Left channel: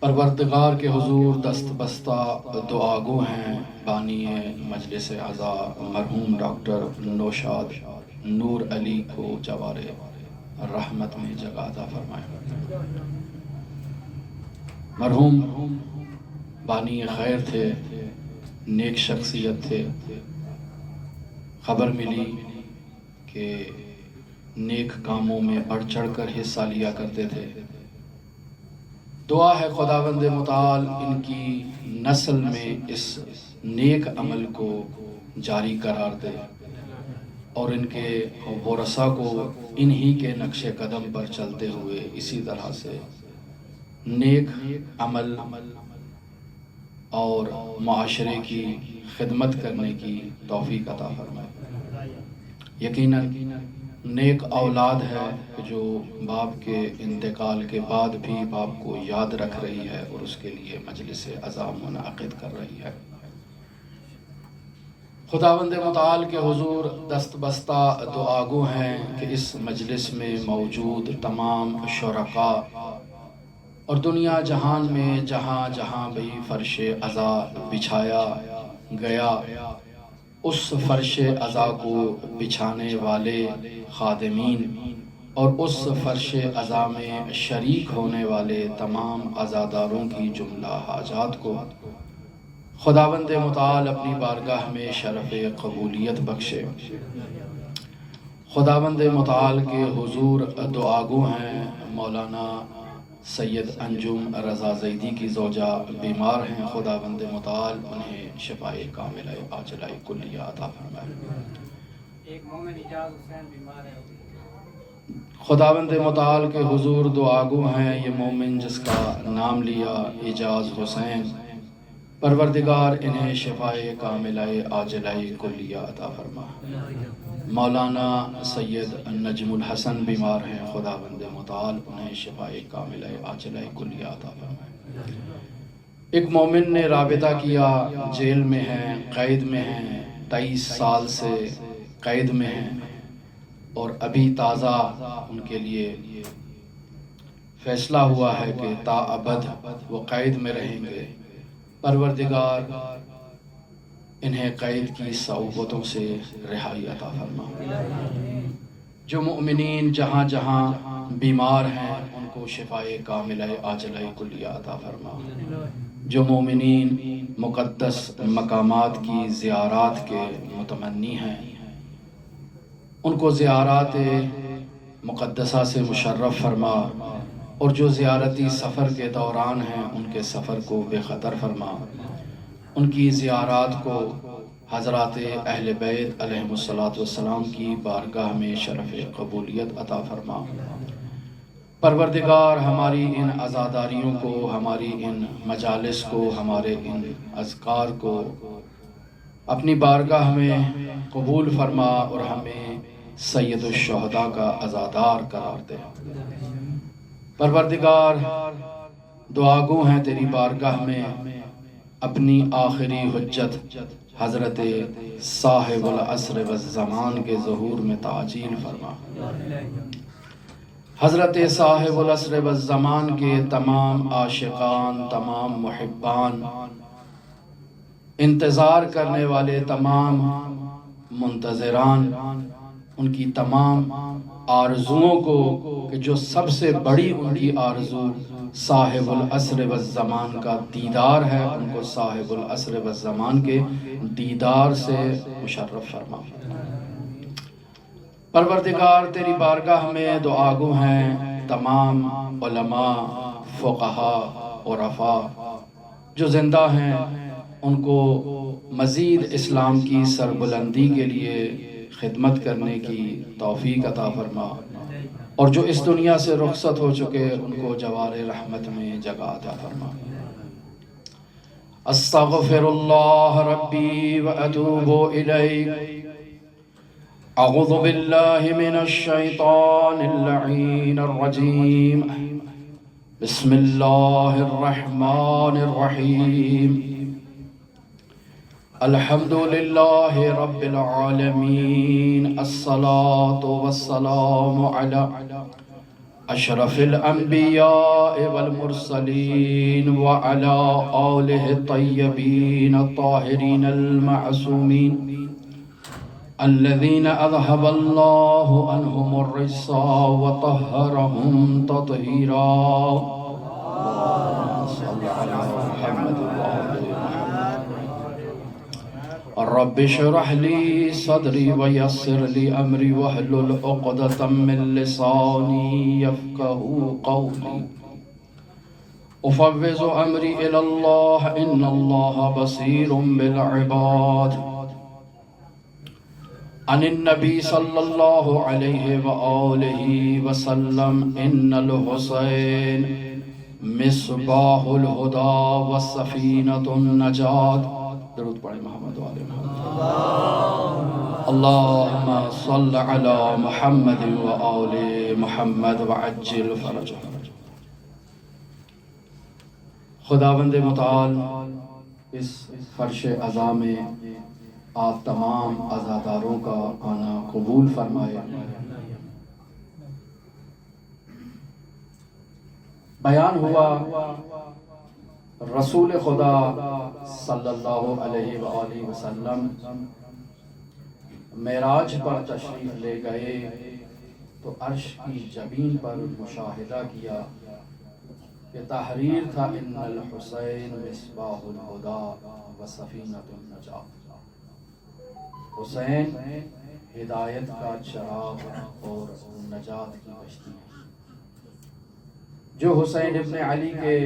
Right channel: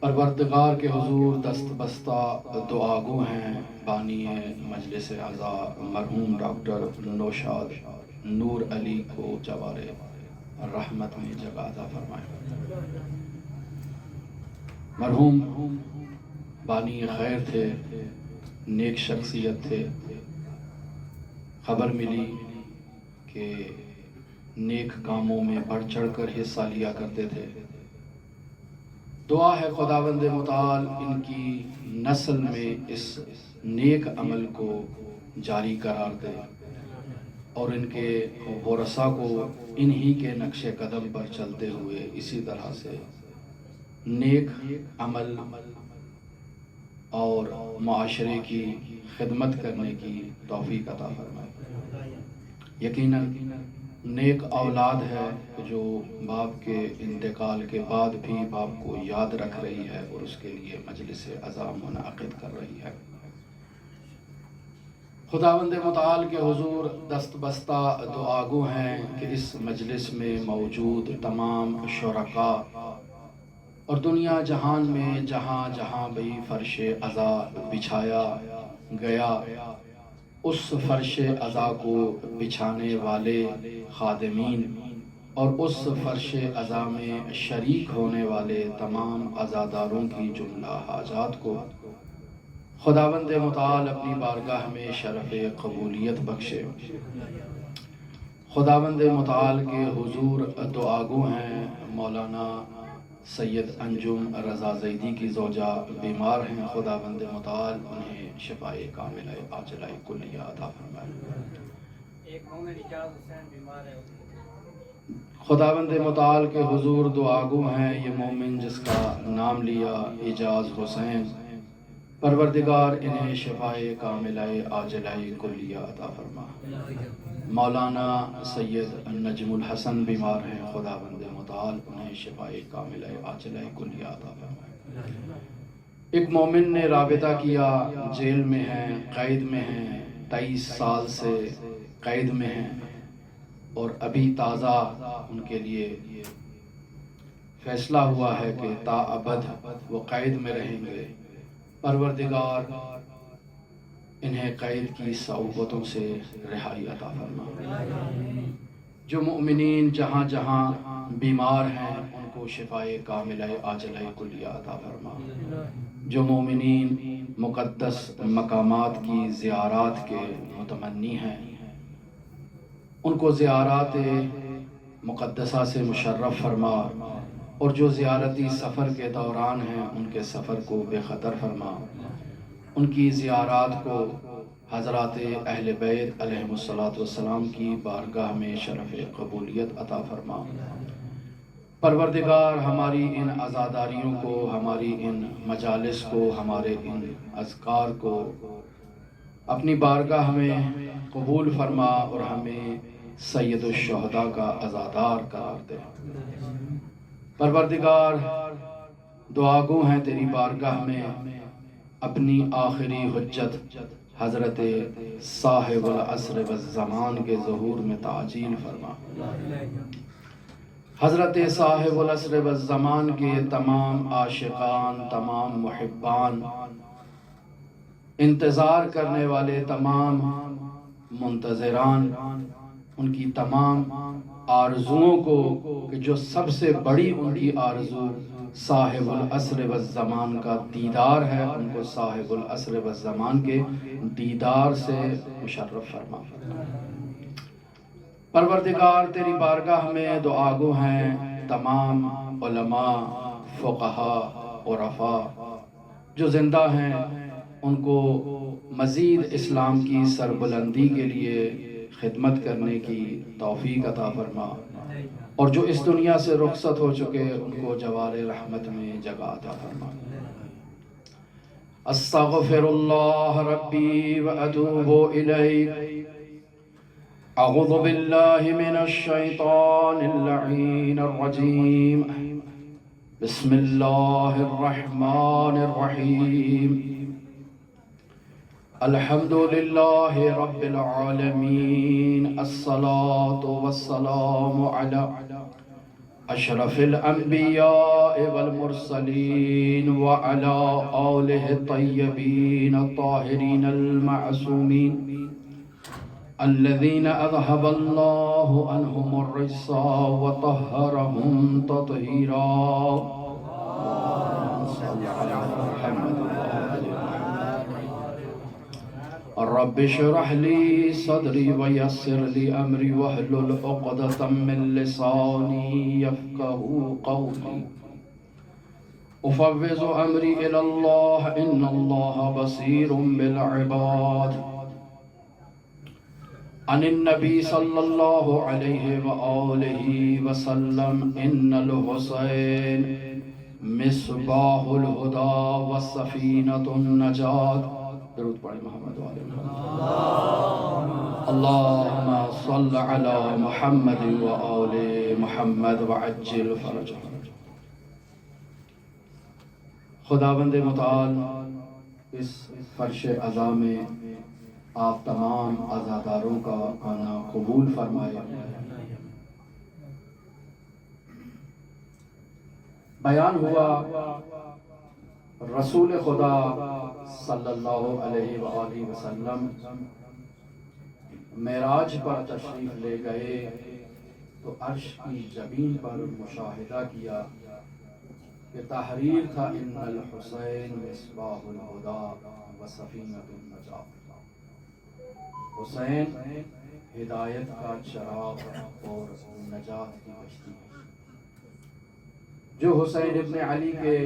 پروردگار کے حضور دست بستہ دعا گو ہیں بانی مجلس عزا مرحوم ڈاکٹر نوشاد نور علی کو جوار رحمت میں جگہ عطا فرمائے۔ مرحوم بانی خیر تھے، نیک شخصیت تھے۔ خبر ملی کہ نیک کاموں میں بڑھ چڑھ کر حصہ لیا کرتے تھے۔ دعا ہے خداوند متعال ان کی نسل میں اس نیک عمل کو جاری قرار دے اور ان کے ورثہ کو انہی کے نقش قدم پر چلتے ہوئے اسی طرح سے نیک عمل اور معاشرے کی خدمت کرنے کی توفیق عطا فرمائے۔ یقیناً نیک اولاد ہے جو باپ کے انتقال کے بعد بھی باپ کو یاد رکھ رہی ہے اور اس کے لیے مجلس عزا منعقد کر رہی ہے۔ خداوند متعال کے حضور دست بستہ دعا گو ہیں کہ اس مجلس میں موجود تمام شرکاء اور دنیا جہان میں جہاں جہاں بھی فرش عزا بچھایا گیا اس فرش عزا کو بچھانے والے خادمین اور اس فرش عزا میں شریک ہونے والے تمام عزاداروں کی جملہ حاجات کو خداوند متعال اپنی بارگاہ میں شرف قبولیت بخشے۔ خداوند متعال کے حضور دعا گو ہیں مولانا سید انجم رضا زیدی کی زوجہ بیمار ہیں، خداوند متعال انہیں شفائے کاملہ عاجلہ کلیہ عطا فرمائے۔ ایک مومن اجاز حسین بیمار ہے، خداوند متعال کے حضور دعا گو ہیں یہ مومن جس کا نام لیا اجاز حسین، پروردگار انہیں شفائے کاملہ عاجلہ کلیہ عطا فرما۔ مولانا سید نجم الحسن بیمار ہیں، خداوند متعال انہیں شفائے کاملہ عاجلہ کلیہ عطا فرما۔ ایک مومن نے رابطہ کیا، جیل میں ہیں، قید میں ہیں، 23 سال سے قید میں ہیں اور ابھی تازہ ان کے لیے فیصلہ ہوا ہے کہ تا ابد وہ قید میں رہیں گے۔ پروردگار انہیں قید کی صعوبتوں سے رہائی عطا فرما۔ جو مؤمنین جہاں جہاں بیمار ہیں ان کو شفائے کاملہ عاجلہ کلیہ عطا فرما۔ جو مومنین مقدس مقامات کی زیارات کے متمنی ہیں ان کو زیارات مقدسہ سے مشرف فرما، اور جو زیارتی سفر کے دوران ہیں ان کے سفر کو بے خطر فرما، ان کی زیارات کو حضرات اہل بیت علیہم السلام کی بارگاہ میں شرف قبولیت عطا فرما۔ پروردگار ہماری ان عزاداریوں کو، ہماری ان مجالس کو، ہمارے ان اذکار کو اپنی بارگاہ میں قبول فرما اور ہمیں سید الشہداء کا عزادار قرار دے۔ پروردگار دعا گو ہیں تیری بارگاہ میں اپنی آخری حجت حضرت صاحب العصر والزمان کے ظہور میں تعجیل فرما۔ حضرت صاحب العصر والزمان کے تمام عاشقان، تمام محبان، انتظار کرنے والے تمام منتظران، ان کی تمام آرزوؤں کو کہ جو سب سے بڑی ان کی آرزو صاحب العصر والزمان کا دیدار ہے، ان کو صاحب العصر والزمان کے دیدار سے مشرف فرما۔ پروردگار تیری بارگاہ میں دعا گو ہیں تمام علماء، فقہاء، عرفاء جو زندہ ہیں ان کو مزید اسلام کی سربلندی کے لیے خدمت کرنے کی توفیق عطا فرما، اور جو اس دنیا سے رخصت ہو چکے ان کو جوار رحمت میں جگہ عطا فرما۔ استغفر اللہ ربی واتوب الیہ، اعوذ باللہ من الشیطان اللعین الرجیم، بسم اللہ الرحمن الرحیم، الحمد للہ رب العالمین، الصلاة والسلام علی أشرف الأنبياء والمرسلين وعلى آله الطيبين الطاهرين المعصومين الذين أذهب الله عنهم الرجس وطهرهم تطهيرا. رب اشرح لي صدري ويسر لي أمري واحلل عقدة من لساني يفقهوا قولي. أفوض أمري إلى الله إن الله بصير بالعباد. عن النبي صلى الله عليه وآله وسلم إن الحسين مصباح الهدى وسفينة النجاة. درود پڑھیں محمد والے محمد. اللهم صل على محمد وآل محمد وعجل فرجهم. خداوند متعال اس فرش عزا میں آپ تمام عزاداروں کا آنا قبول فرمائے. بیان ہوا رسول خدا صلی اللہ علیہ وآلہ وسلم معراج پر تشریف لے گئے تو عرش کی جبین پر مشاہدہ کیا کہ تحریر تھا ان الحسین مصباح الہدی و سفینۃ النجات. حسین ہدایت کا چراغ اور نجات کی کشتی ہے. جو حسین ابن علی کے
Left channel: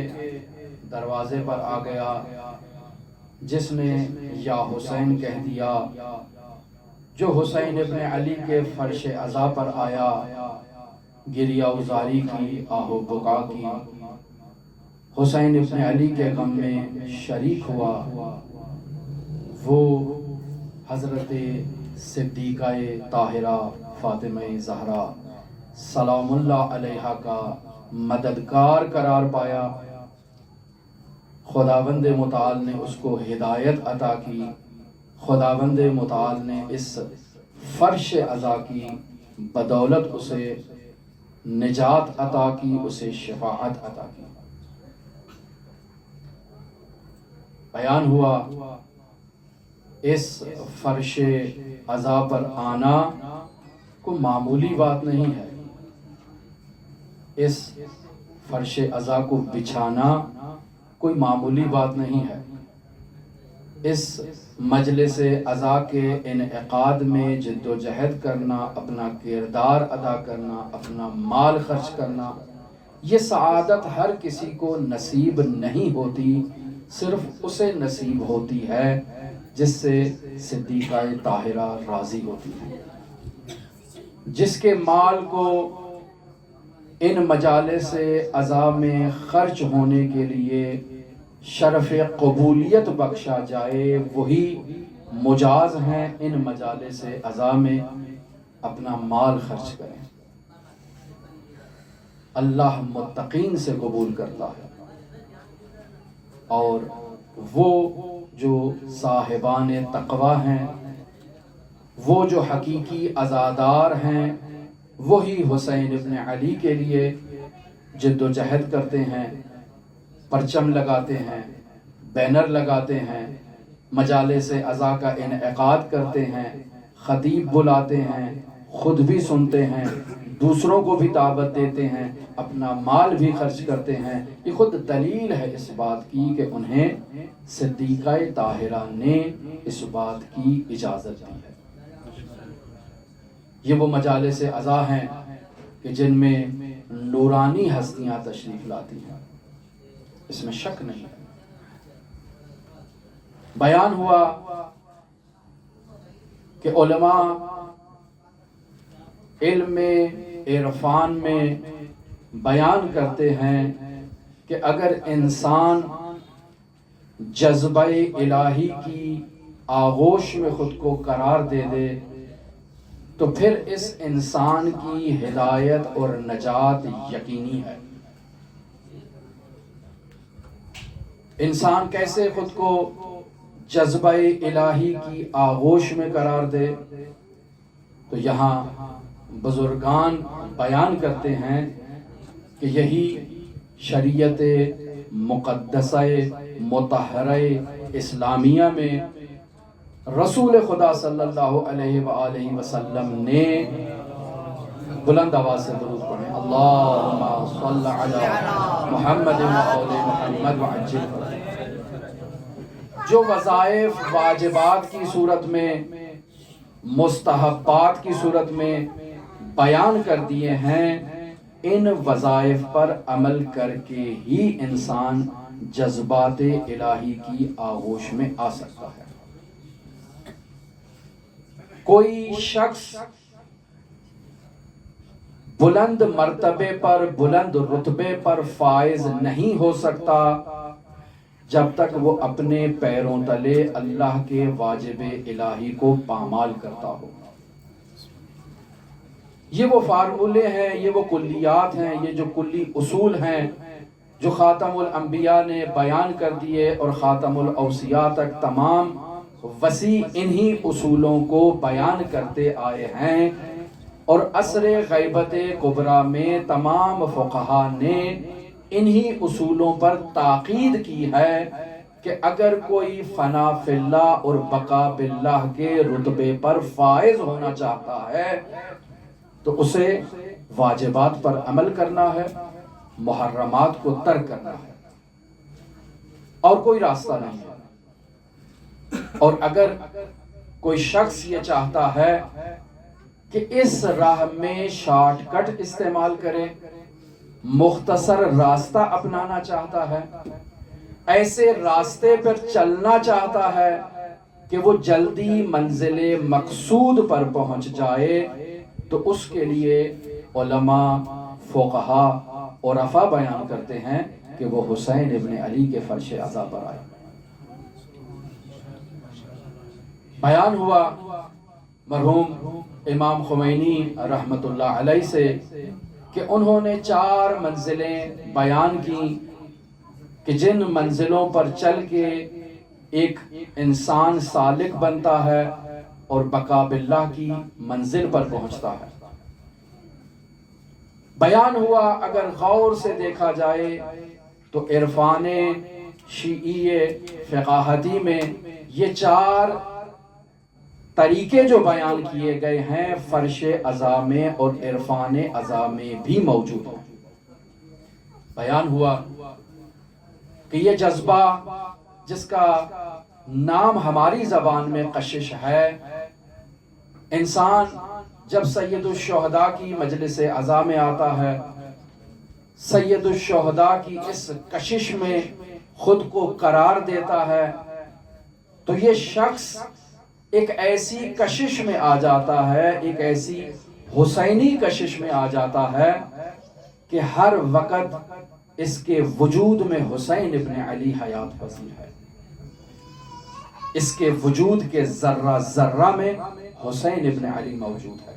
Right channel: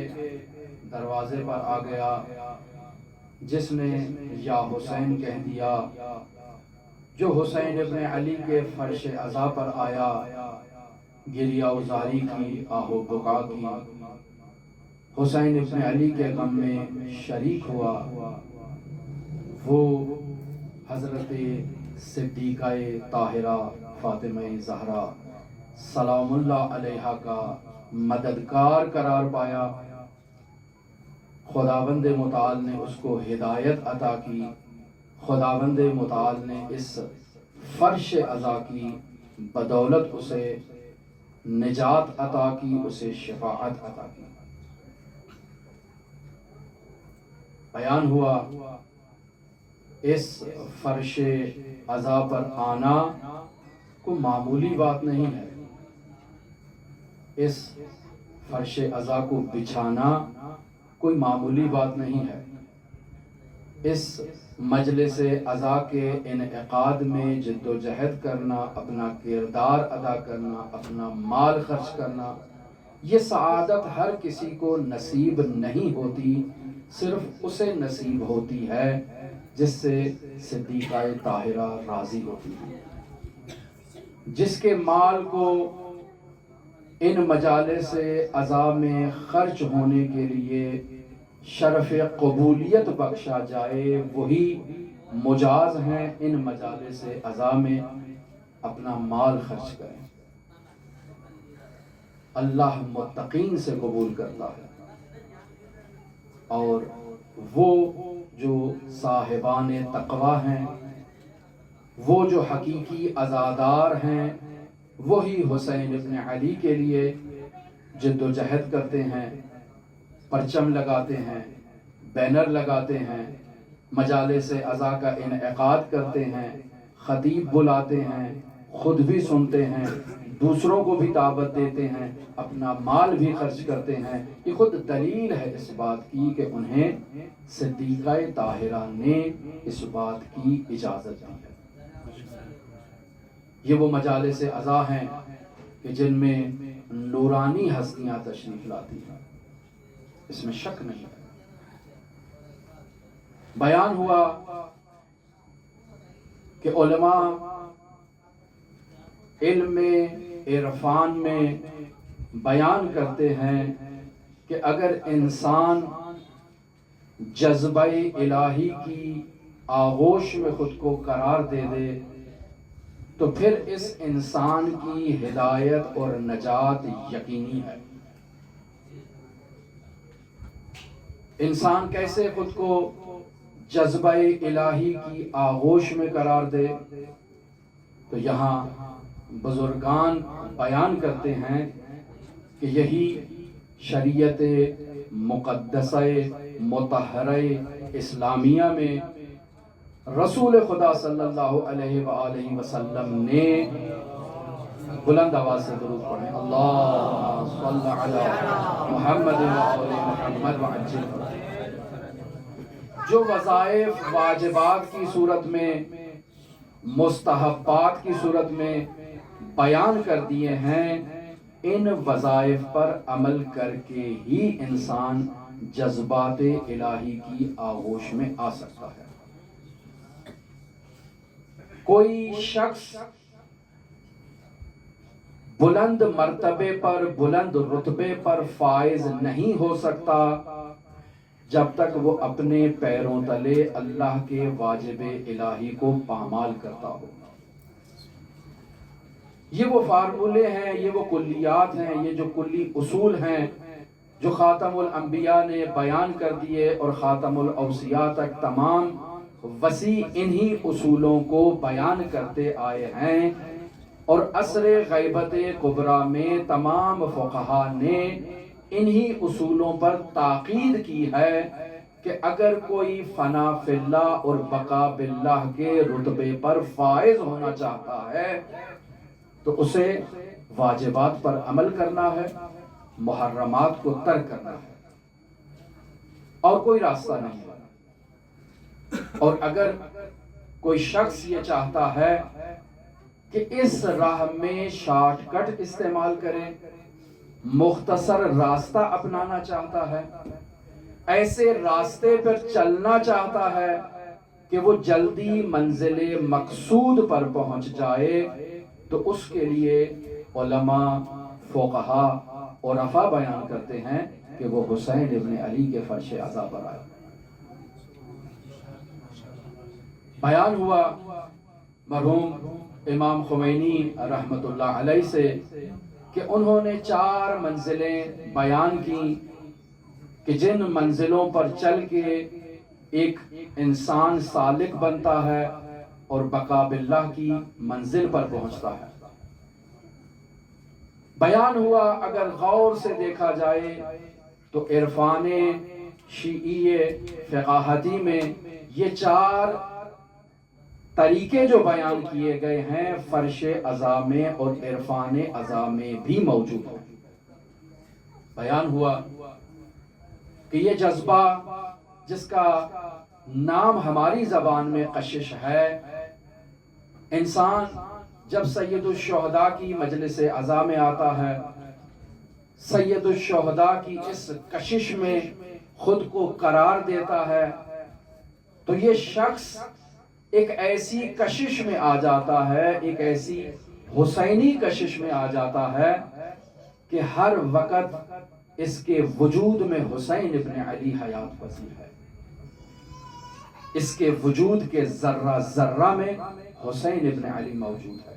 دروازے پر آ گیا، جس نے یا حسین کہہ دیا، جو حسین ابن علی کے فرش عزا پر آیا، گریہ ازاری کی، آہ و بکا کی، حسین ابن علی کے غم میں شریک ہوا، وہ حضرت صدیقہ طاہرہ فاطمہ زہرا سلام اللہ علیہا کا مددگار قرار پایا. خداوند متعال نے اس کو ہدایت عطا کی. خداوند متعال نے اس فرش عزا کی بدولت اسے نجات عطا کی، اسے شفاعت عطا کی. بیان ہوا اس فرش عزا پر آنا کوئی معمولی بات نہیں ہے. اس فرش عزا کو بچھانا کوئی معمولی بات نہیں ہے. اس مجلس عزا کے انعقاد میں جد و جہد کرنا، اپنا کردار ادا کرنا، اپنا مال خرچ کرنا، یہ سعادت ہر کسی کو نصیب نہیں ہوتی. صرف اسے نصیب ہوتی ہے جس سے صدیقہ طاہرہ راضی ہوتی ہے، جس کے مال کو ان مجالس عزا میں خرچ ہونے کے لیے شرف قبولیت بخشا جائے، وہی مجاز ہیں ان مجالس عزا میں اپنا مال خرچ کریں. اللہ متقین سے قبول کرتا ہے، اور وہ جو صاحبان تقوی ہیں، وہ جو حقیقی عزادار ہیں، وہی حسین ابن علی کے لیے جد و جہد کرتے ہیں، پرچم لگاتے ہیں، بینر لگاتے ہیں، مجالس عزا کا انعقاد کرتے ہیں، خطیب بلاتے ہیں، خود بھی سنتے ہیں، دوسروں کو بھی دعوت دیتے ہیں، اپنا مال بھی خرچ کرتے ہیں. یہ خود دلیل ہے اس بات کی کہ انہیں صدیقہ طاہرہ نے اس بات کی اجازت دی ہے. یہ وہ مجالس عزا ہیں کہ جن میں نورانی ہستیاں تشریف لاتی ہیں، اس میں شک نہیں ہے. بیان ہوا کہ علماء علم عرفان میں بیان کرتے ہیں کہ اگر انسان جذبہ الہی کی آغوش میں خود کو قرار دے دے تو پھر اس انسان کی ہدایت اور نجات یقینی ہے. انسان کیسے خود کو جذبہ الہی کی آغوش میں قرار دے؟ تو یہاں بزرگان بیان کرتے ہیں کہ یہی شریعت مقدسہ مطہرہ اسلامیہ میں رسول خدا صلی اللہ علیہ وآلہ وسلم نے بلند آواز سے درود پڑھیں، اللہم صل علی محمد وآل محمد وعجل، جو وظائف واجبات کی صورت میں، مستحبات کی صورت میں بیان کر دیے ہیں، ان وظائف پر عمل کر کے ہی انسان جذبات الہی کی آغوش میں آ سکتا ہے۔ کوئی شخص بلند مرتبے پر، بلند رتبے پر فائز نہیں ہو سکتا جب تک وہ اپنے پیروں تلے اللہ کے واجب الہی کو پامال کرتا ہو۔ یہ وہ فارمولے ہیں، یہ وہ کلیات ہیں، یہ جو کلی اصول ہیں جو خاتم الانبیاء نے بیان کر دیے اور خاتم الاوصیاء تک تمام وسیع انہی اصولوں کو بیان کرتے آئے ہیں، اور عصر غیبت کبریٰ میں تمام فقہا نے انہی اصولوں پر تاکید کی ہے کہ اگر کوئی فنا فی اللہ اور بقا باللہ کے رتبے پر فائز ہونا چاہتا ہے تو اسے واجبات پر عمل کرنا ہے، محرمات کو ترک کرنا ہے، اور کوئی راستہ نہیں ہے۔ اور اگر کوئی شخص یہ چاہتا ہے کہ اس راہ میں شارٹ کٹ استعمال کرے، مختصر راستہ اپنانا چاہتا ہے، ایسے راستے پر چلنا چاہتا ہے کہ وہ جلدی منزل مقصود پر پہنچ جائے، تو اس کے لیے علماء، فقہا، عرفاء بیان کرتے ہیں کہ وہ حسین ابن علی کے فرش عزا پر آئے۔ بیان ہوا مرحوم امام خمینی رحمت اللہ علیہ سے کہ انہوں نے 4 منزلیں بیان کی کہ جن منزلوں پر چل کے ایک انسان سالک بنتا ہے اور بقا باللہ کی منزل پر پہنچتا ہے۔ بیان ہوا اگر غور سے دیکھا جائے تو عرفان شیعی فقاہتی میں یہ 4 طریقے جو بیان کیے گئے ہیں فرش عزا میں اور عرفان عزا میں بھی موجود ہیں۔ بیان ہوا کہ یہ جذبہ جس کا نام ہماری زبان میں کشش ہے، انسان جب سید الشہداء کی مجلس عزا میں آتا ہے، سید الشہداء کی اس کشش میں خود کو قرار دیتا ہے، تو یہ شخص ایک ایسی کشش میں آ جاتا ہے، ایک ایسی حسینی کشش میں آ جاتا ہے کہ ہر وقت اس کے وجود میں حسین ابن علی حیات پذیر ہے، اس کے وجود کے ذرہ ذرہ میں حسین ابن علی موجود ہے۔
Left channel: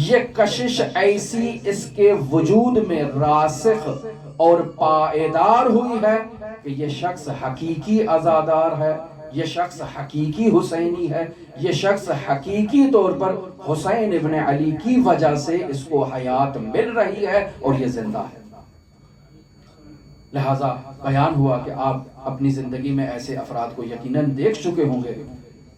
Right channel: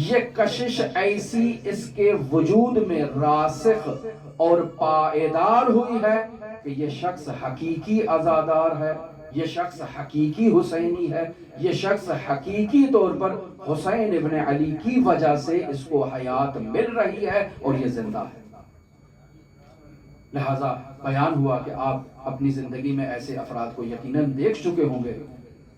یہ کشش ایسی اس کے وجود میں راسخ اور پائیدار ہوئی ہے کہ یہ شخص حقیقی عزادار ہے، یہ شخص حقیقی حسینی ہے، یہ شخص حقیقی طور پر حسین ابن علی کی وجہ سے اس کو حیات مل رہی ہے اور یہ زندہ ہے۔ لہذا بیان ہوا کہ آپ اپنی زندگی میں ایسے افراد کو یقیناً دیکھ چکے ہوں گے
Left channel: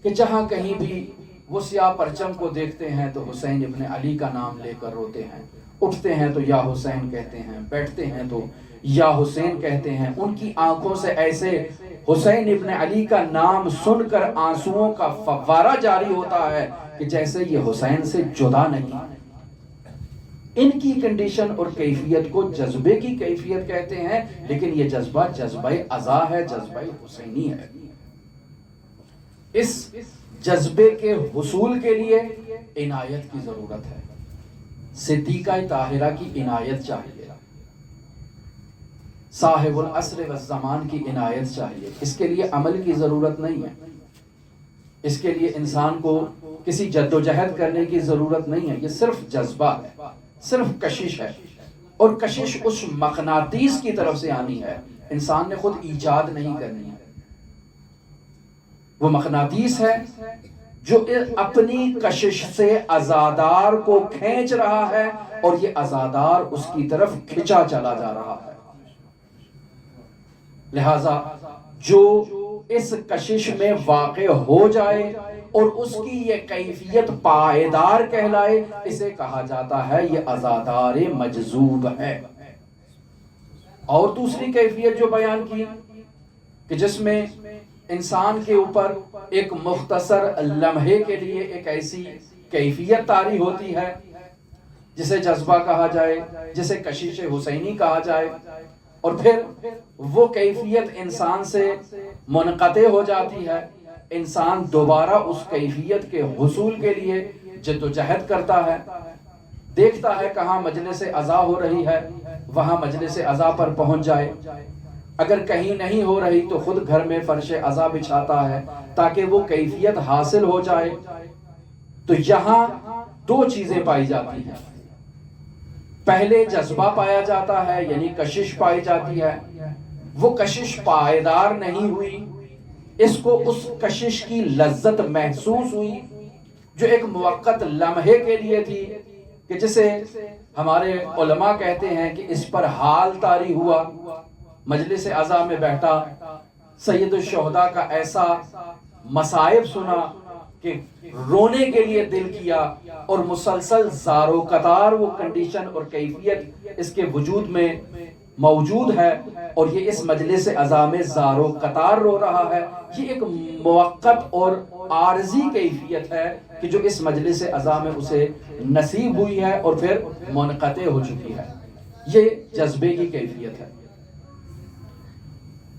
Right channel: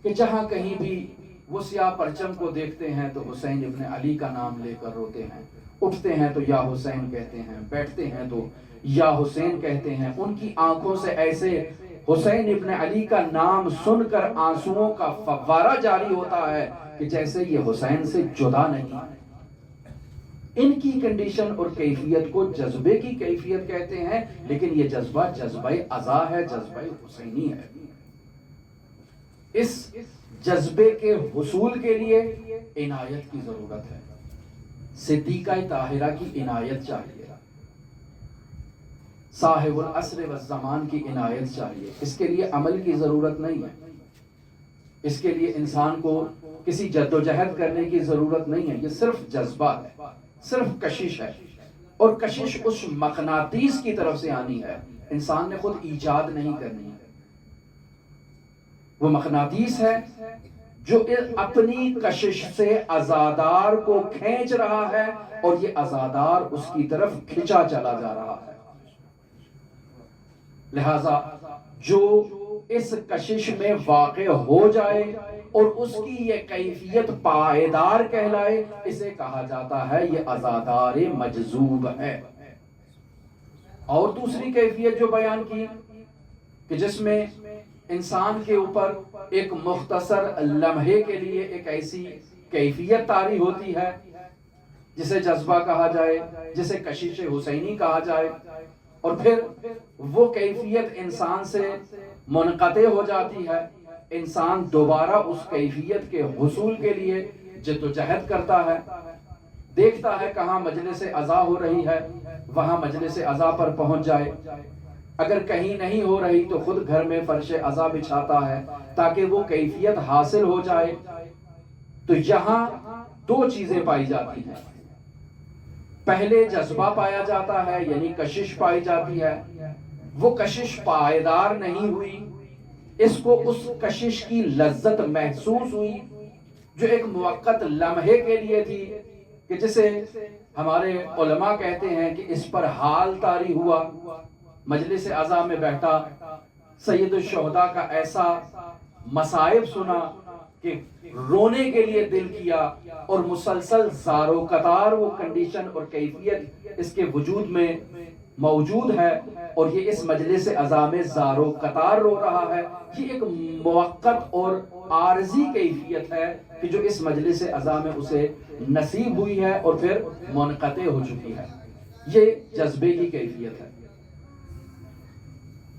کہ جہاں کہیں بھی وہ سیاہ پرچم کو دیکھتے ہیں تو حسین ابن علی کا نام لے کر روتے ہیں، اٹھتے ہیں تو یا حسین کہتے ہیں، بیٹھتے ہیں تو یا حسین کہتے ہیں۔ ان کی آنکھوں سے ایسے حسین ابن علی کا نام سن کر آنسوؤں کا فوارہ جاری ہوتا ہے کہ جیسے یہ حسین سے جدا نہیں۔ ان کی کنڈیشن اور کیفیت کو جذبے کی کیفیت کہتے ہیں، لیکن یہ جذبہ جذبہ عزا ہے، جذبہ حسینی ہے۔ اس جذبے کے حصول کے لیے عنایت کی ضرورت ہے، صدیقہ طاہرہ کی عنایت چاہیے، صاحب العصر والزمان کی عنایت چاہیے۔ اس کے لیے عمل کی ضرورت نہیں ہے، اس کے لیے انسان کو کسی جد و جہد کرنے کی ضرورت نہیں ہے، یہ صرف جذبہ ہے، صرف کشش ہے، اور کشش اس مقناطیس کی طرف سے آنی ہے، انسان نے خود ایجاد نہیں کرنی ہے۔ وہ مقناطیس ہے جو اپنی کشش سے عزادار کو کھینچ رہا ہے اور یہ عزادار اس کی طرف کھچا چلا جا رہا ہے۔ لہذا جو اس کشش میں واقع ہو جائے اور اس کی یہ کیفیت پائیدار کہلائے، اسے کہا جاتا ہے یہ عزادار مجذوب ہے۔ اور دوسری کیفیت جو بیان کی کہ جس میں انسان کے اوپر ایک مختصر لمحے کے لیے ایک ایسی کیفیت طاری ہوتی ہے جسے جذبہ کہا جائے، جسے کشش حسینی کہا جائے، اور پھر وہ کیفیت انسان سے منقطع ہو جاتی ہے، انسان دوبارہ اس کیفیت کے حصول کے لیے جد و جہد کرتا ہے، دیکھتا ہے کہاں مجلس عزا ہو رہی ہے وہاں مجلس عزا پر پہنچ جائے، اگر کہیں نہیں ہو رہی تو خود گھر میں فرش عزا بچھاتا ہے تاکہ وہ کیفیت حاصل ہو جائے۔ تو یہاں دو چیزیں پائی جاتی ہیں، پہلے جذبہ پایا جاتا ہے یعنی کشش پائی جاتی ہے، وہ کشش پائیدار نہیں ہوئی، اس کو اس کشش کی لذت محسوس ہوئی جو ایک موقت لمحے کے لیے تھی، کہ جسے ہمارے علماء کہتے ہیں کہ اس پر حال طاری ہوا، مجلس عزا میں بیٹھا، سید الشہداء کا ایسا مصائب سنا کہ رونے کے لیے دل کیا، اور مسلسل زار و قطار وہ کنڈیشن اور کیفیت اس کے وجود میں موجود ہے، اور یہ اس مجلس عزا میں زار و قطار رو رہا ہے۔ یہ ایک موقت اور عارضی کیفیت ہے کہ جو اس مجلس عزا میں اسے نصیب ہوئی ہے اور پھر منقطع ہو چکی ہے، یہ جذبے کی کیفیت ہے۔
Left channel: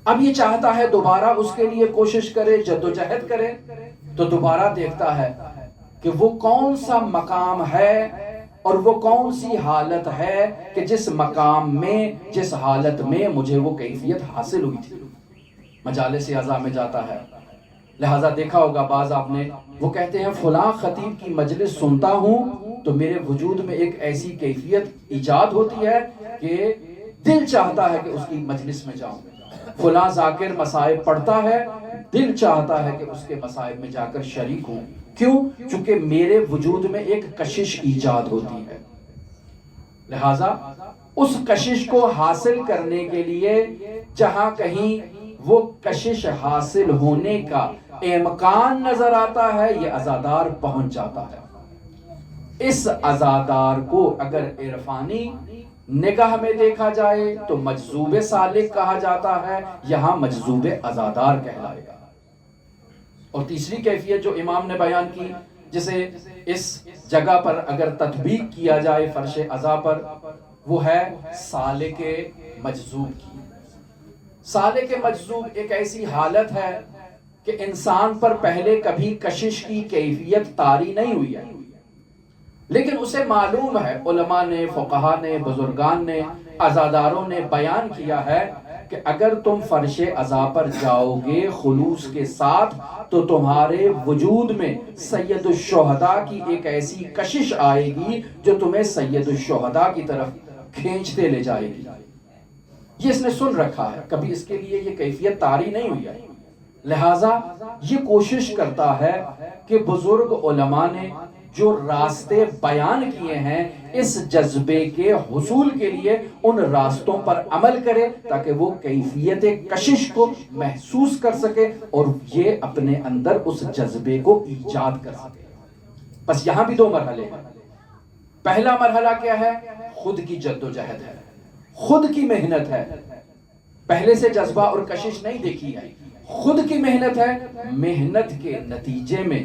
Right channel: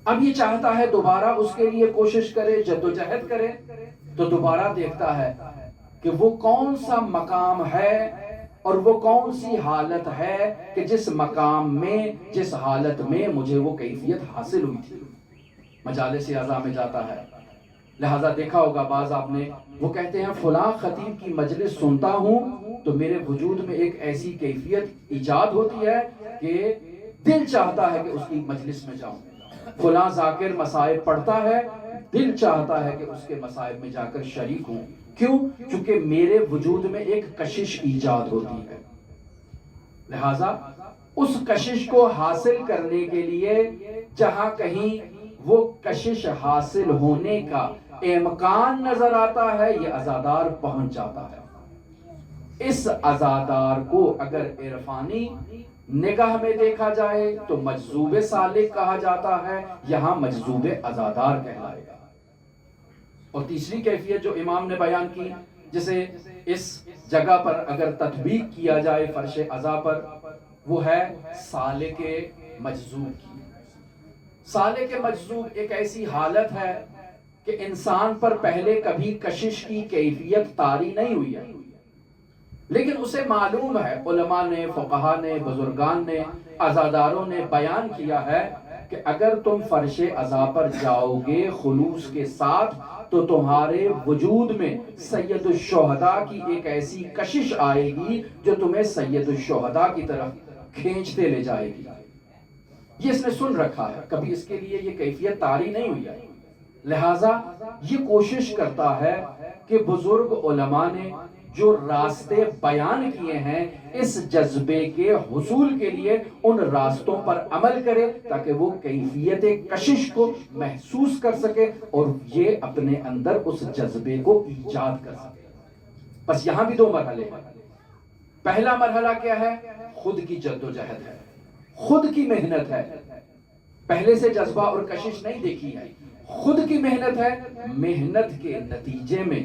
اب یہ چاہتا ہے دوبارہ اس کے لیے کوشش کرے، جد و جہد کرے، تو دوبارہ دیکھتا ہے کہ وہ کون سا مقام ہے اور وہ کون سی حالت ہے کہ جس مقام میں، جس حالت میں مجھے وہ کیفیت حاصل ہوئی تھی۔ مجالس عزا میں جاتا ہے، لہٰذا دیکھا ہوگا بعض آپ نے، وہ کہتے ہیں فلاں خطیب کی مجلس سنتا ہوں تو میرے وجود میں ایک ایسی کیفیت ایجاد ہوتی ہے کہ دل چاہتا ہے کہ اس کی مجلس میں جاؤں، فلاں ذاکر مصائب پڑھتا ہے، دل چاہتا ہے کہ اس کے مصائب میں جا کر شریک ہوں، کیوں؟ چونکہ میرے وجود میں ایک کشش ایجاد ہوتی ہے۔ لہٰذا اس کشش کو حاصل کرنے کے لیے جہاں کہیں وہ کشش حاصل ہونے کا امکان نظر آتا ہے، یہ عزادار پہنچ جاتا ہے۔ اس عزادار کو اگر عرفانی نگاہ میں دیکھا جائے تو مجذوب سالک کہا جاتا ہے، یہاں مجذوب عزادار کہلائے گا۔ اور تیسری کیفیت جو امام نے بیان کی، جسے اس جگہ پر اگر تطبیق کیا جائے فرش عزا پر، وہ ہے سالک مجذوب کی۔ سالک مجذوب ایک ایسی حالت ہے کہ انسان پر پہلے کبھی کشش کی کیفیت طاری نہیں ہوئی ہے، لیکن اسے معلوم ہے، علماء نے، فقہا نے، بزرگان نے، عزاداروں نے بیان کیا ہے کہ اگر تم فرش عزا پر جاؤ گے خلوص کے ساتھ تو تمہارے وجود میں سید الشہداء کی ایک ایسی کشش آئے گی جو تمہیں سید الشہداء کی طرف کھینچتے لے جائے گی۔ یہ اس نے سن رکھا ہے، کبھی اس کے لیے یہ کیفیت طاری نہیں ہوئی ہے، لہٰذا یہ کوشش کرتا ہے کہ بزرگ علماء نے جو راستے بیان کیے ہیں اس جذبے کے حصول کے لیے ان راستوں پر عمل کرے تاکہ وہ کیفیت کشش کو محسوس کر سکے اور یہ اپنے اندر اس جذبے کو ایجاد کر سکے۔ بس یہاں بھی دو مرحلے ہیں۔ پہلا مرحلہ کیا ہے؟ خود کی جد و جہد ہے، خود کی محنت ہے، پہلے سے جذبہ اور کشش نہیں دیکھی ہے، خود کی محنت ہے، محنت کے نتیجے میں،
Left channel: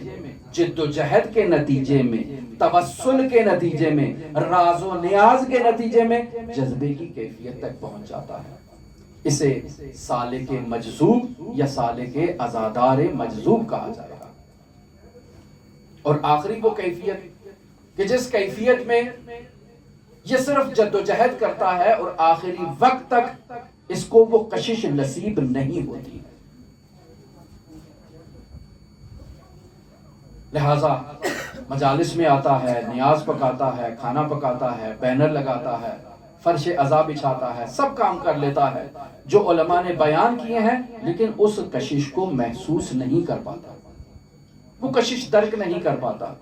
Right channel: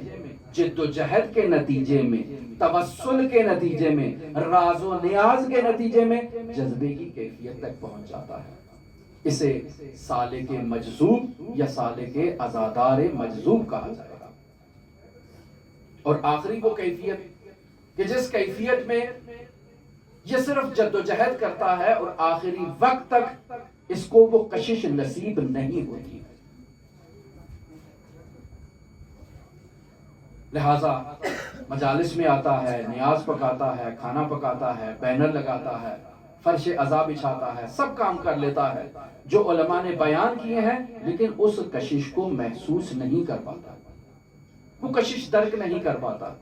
جد و جہد کے نتیجے میں، توسل کے نتیجے میں، راز و نیاز کے نتیجے میں جذبے کی کیفیت تک پہنچ جاتا ہے۔ اسے سالک مجذوب یا سالک عزادار مجذوب کہا جائے گا۔ اور آخری وہ کیفیت کہ جس کیفیت میں یہ صرف جد و جہد کرتا ہے اور آخری وقت تک اس کو وہ کشش نصیب نہیں ہوتی، لہٰذا مجالس میں آتا ہے، نیاز پکاتا ہے، کھانا پکاتا ہے، بینر لگاتا ہے، فرش عزا بچھاتا ہے، سب کام کر لیتا ہے جو علماء نے بیان کیے ہیں، لیکن اس کشش کو محسوس نہیں کر پاتا، وہ کشش درک نہیں کر پاتا۔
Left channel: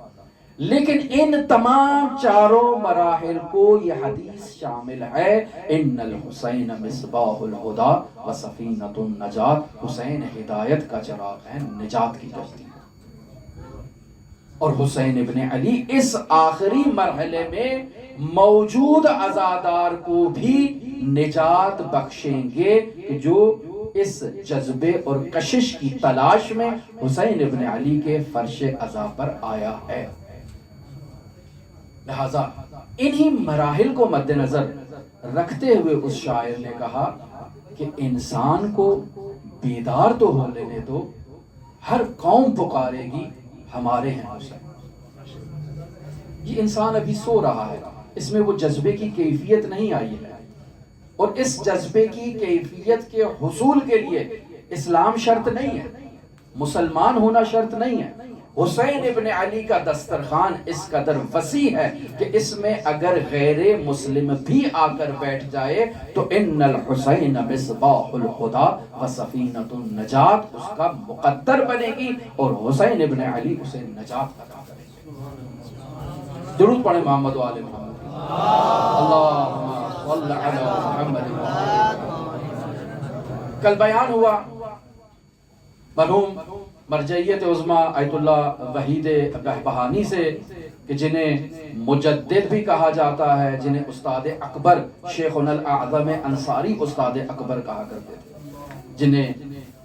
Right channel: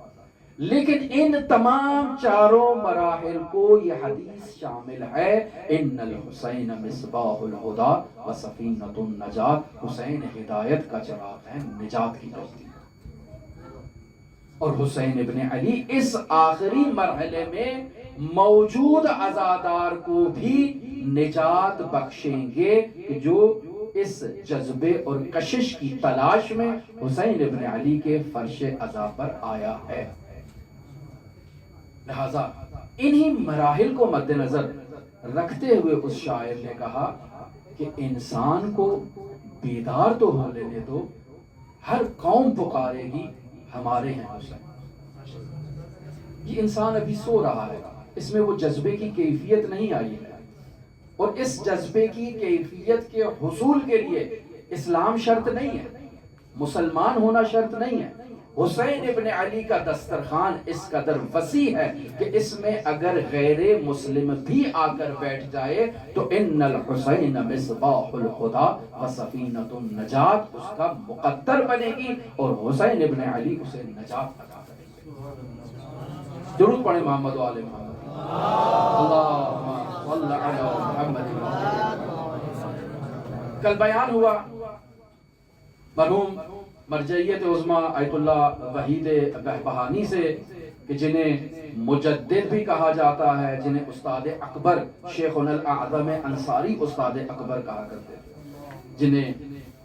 لیکن ان تمام چاروں مراحل کو یہ حدیث شامل ہے. ان الحسین مصباح الہدا و سفینۃ النجات. حسین ہدایت کا چراغ ہے، نجات کی کشتی. اور حسین ابن علی اس آخری مرحلے میں موجود عزادار کو بھی نجات بخشیں گے کہ جو اس جذبے اور کشش کی تلاش میں حسین ابن علی کے فرش عزا پر آیا ہے. لہذا انہی مراحل کو مد نظر رکھتے ہوئے اس شاعر نے کہا کہ انسان کو بیدار تو ہو لینے دو، ہر قوم پکارے گی ہمارے ہیں حسین. یہ انسان ابھی سو رہا ہے، اس میں وہ جذبے کی کیفیت نہیں آئی ہے، اور اس جذبے کی کیفیت کے حصول کے لیے اسلام شرط نہیں ہے، مسلمان ہونا شرط نہیں ہے. حسین ابن علی کا دسترخوان اس قدر وسیع ہے کہ اس میں اگر غیر مسلم بھی آ کر بیٹھ جائے تو ان الحسین مصباح الہدا و سفینۃ النجات اس کا مقدر بنے گی، اور حسین ابن علی اسے نجات عطا کرے گی. درود پڑھیں محمد و آل محمد. اللہم صل علی محمد. کل بیان ہوا مرحوم مرجعیت عظمیٰ آیت اللہ وحید بہبہانی سے کہ جنہیں مجدد بھی کہا جاتا ہے، جنہیں استاد اکبر شیخنا الاعظم انصاری استاد اکبر کہا کرتے تھے، جنہیں